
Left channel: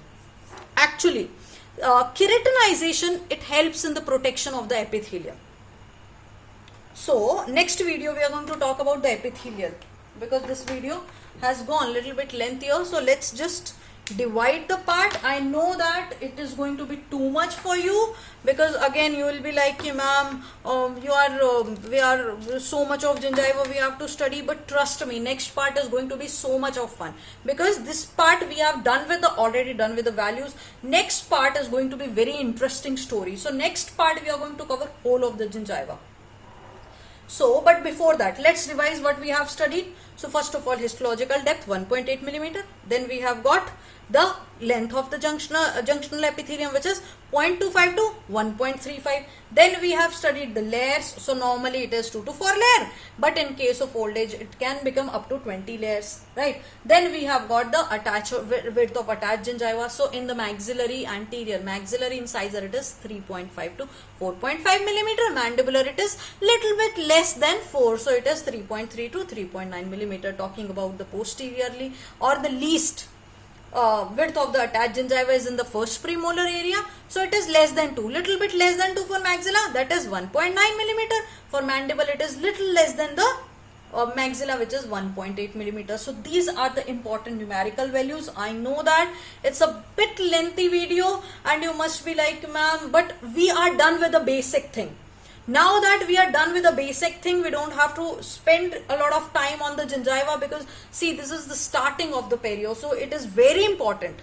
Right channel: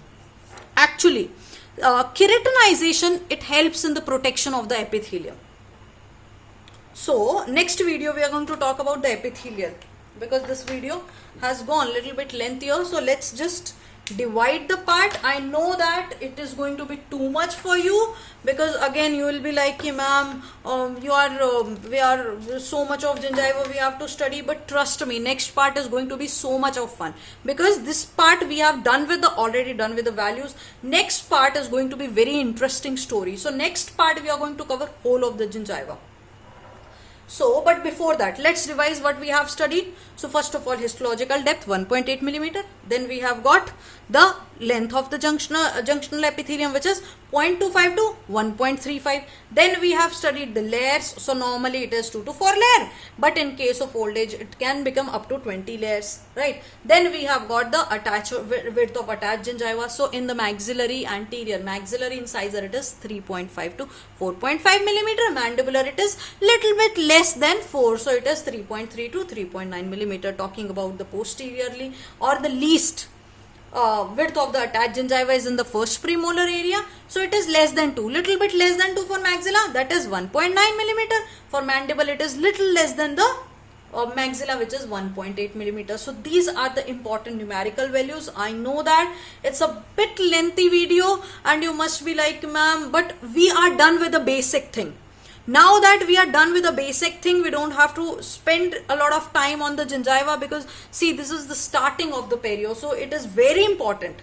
actually, keratinization, it helps in the protection of the epithelium. So next video we are going to talk about the epithelial, because this video has gone a little bit lengthier. So let's just divide the part. I know that it is going to be too much for you, because again you will be like, ma'am, we are so much of gingiva we have to study. But trust me, next part is going to be so much of fun, because this part we have already done with the values. Next part is going to be very interesting story. So next part we are going to cover whole of the gingiva. So, but before that, let's revise what we have studied. So, first of all, histological depth 1.8 millimeter. Then we have got the length of the junctional epithelium, which is 0.25 to 1.35. Then we have studied the layers. So, normally it is 2 to 4 layer, but in case of old age, it can become up to 20 layers, right? Then we have got the width of attached gingiva. So, in the maxillary, anterior maxillary incisor, it is 3.5 to 4.5 millimeter. Mandibular, it is little bit less than 4. So, it is 3.3 to 3.9 millimeter. Talking about the posteriorly, or the least width of the attached gingiva is in the first premolar area. So it is less than 2, little bit less than 2 for maxilla, that is 1.9 millimeter. For mandible, it is little less than the maxilla, which is 1.8 millimeter. So these are the important numerical values. I know that it's a bit lengthy video and you must be like, ma'am, but we are done with the basic thing. Now that we are done with the basic thing, we don't have to spend a lot of time on the gingiva, because see, this is the starting of the perio. So it is very important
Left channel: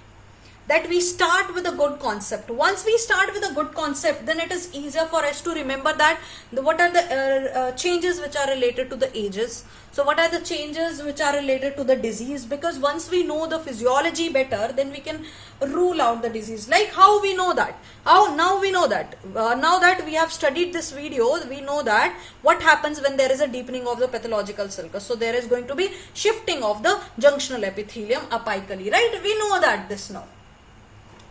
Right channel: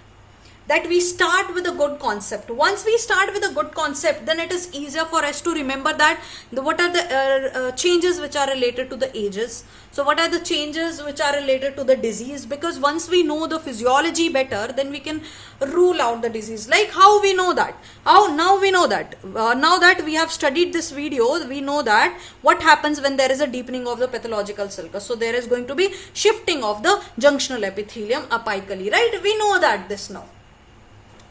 that we start with a good concept. Once we start with a good concept, then it is easier for us to remember that what are the changes which are related to the ages. So what are the changes which are related to the disease? Because once we know the physiology better, then we can rule out the disease. Like how we know that? Now we know that. Now that we have studied this video, we know that what happens when there is a deepening of the pathological sulcus. So there is going to be shifting of the junctional epithelium apically, right? We know that this now.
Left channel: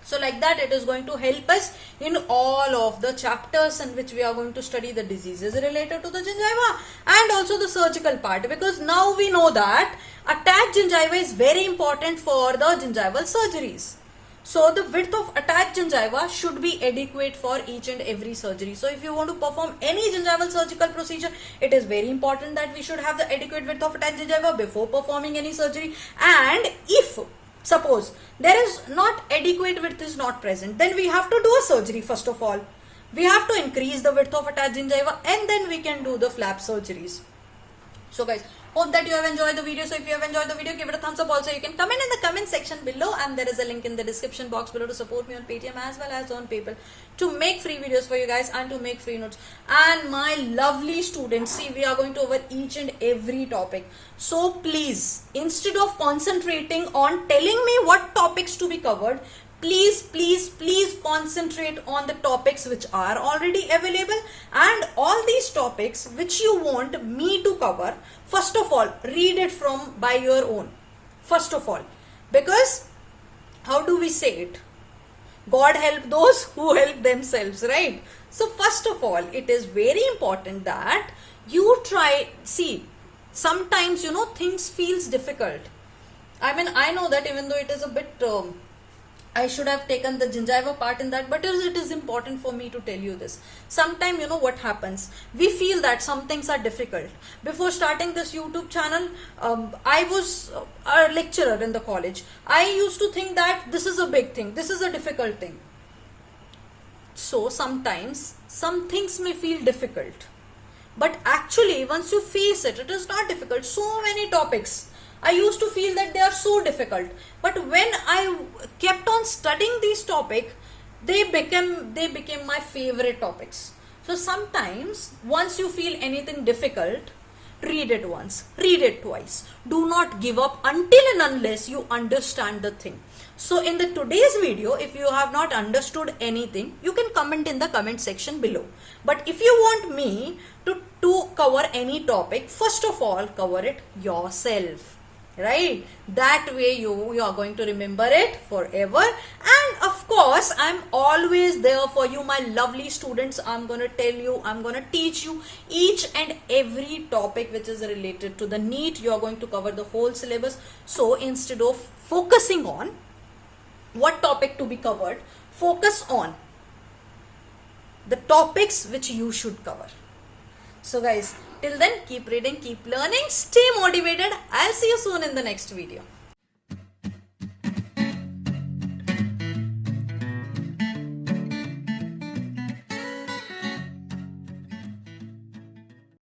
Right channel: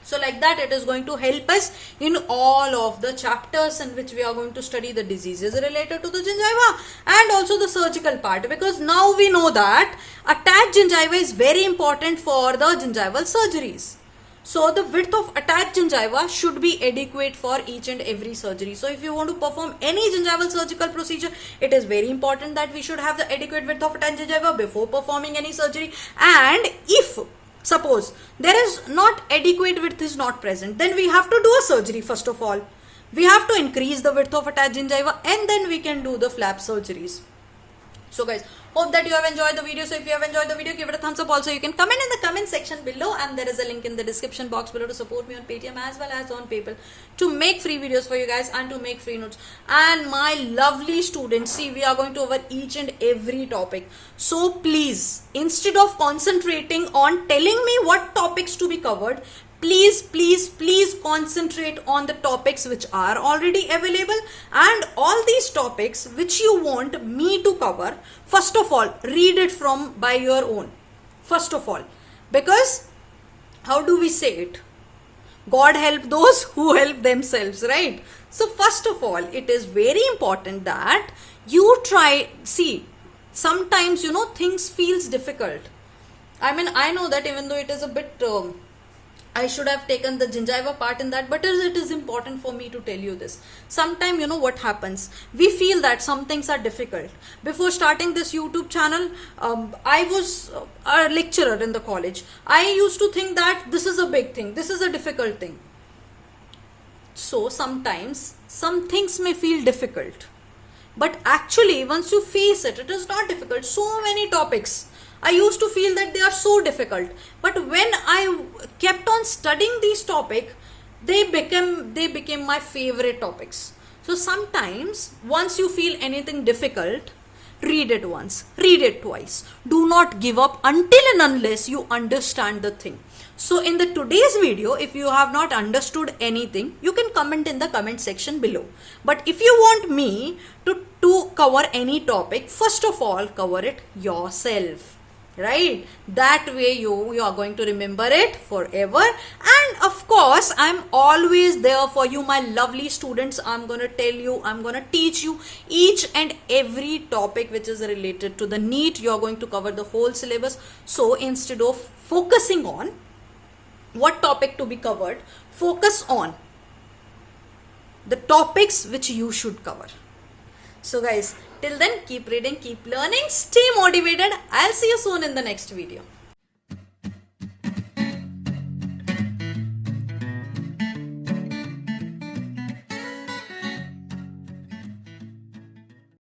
So like that, it is going to help us in all of the chapters in which we are going to study the diseases related to the gingiva and also the surgical part, because now we know that attached gingiva is very important for the gingival surgeries. So the width of attached gingiva should be adequate for each and every surgery. So if you want to perform any gingival surgical procedure, it is very important that we should have the adequate width of attached gingiva before performing any surgery. And if suppose there is not adequate width is not present, then we have to do a surgery. First of all, we have to increase the width of attached gingiva and then we can do the flap surgeries. So guys, hope that you have enjoyed the video. So if you have enjoyed the video, give it a thumbs up. Also, you can comment in the comment section below, and there is a link in the description box below to support me on Paytm as well as on PayPal to make free videos for you guys and to make free notes. And my lovely students, see, we are going to cover each and every topic. So please, instead of concentrating on telling me what topics to be covered, please concentrate on the topics which are already available, and all these topics which you want me to cover, first of all, read it from by your own. First of all, because how do we say it? God help those who help themselves, right? So first of all, it is very important that you try, see, sometimes, things feels difficult. I mean, I know that even though it is a bit I should have taken the gingiva part in that, but it is important for me to tell you this. Sometimes, you know what happens? We feel that some things are difficult. Before starting this YouTube channel, I was a lecturer in the college. I used to think that this is a big thing, this is a difficult thing. So sometimes some things may feel difficult, but actually once you face it, it is not difficult. So many topics I used to feel that they are so difficult, but when I kept on studying these topics, they became my favorite topics. So sometimes once you feel anything difficult, read it once, read it twice. Do not give up until and unless you understand the thing. So in the today's video, if you have not understood anything, you can comment in the comment section below. But if you want me to cover any topic, first of all cover it yourself. Right, that way you are going to remember it forever. And of course, I'm always there for you, my lovely students. I'm going to tell you, I'm going to teach you each and every topic which is related to the NEET. You're going to cover the whole syllabus. So instead of focusing on what topic to be covered, focus on the topics which you should cover. So guys, till then, keep reading, keep learning, stay motivated. I'll see you soon in the next video.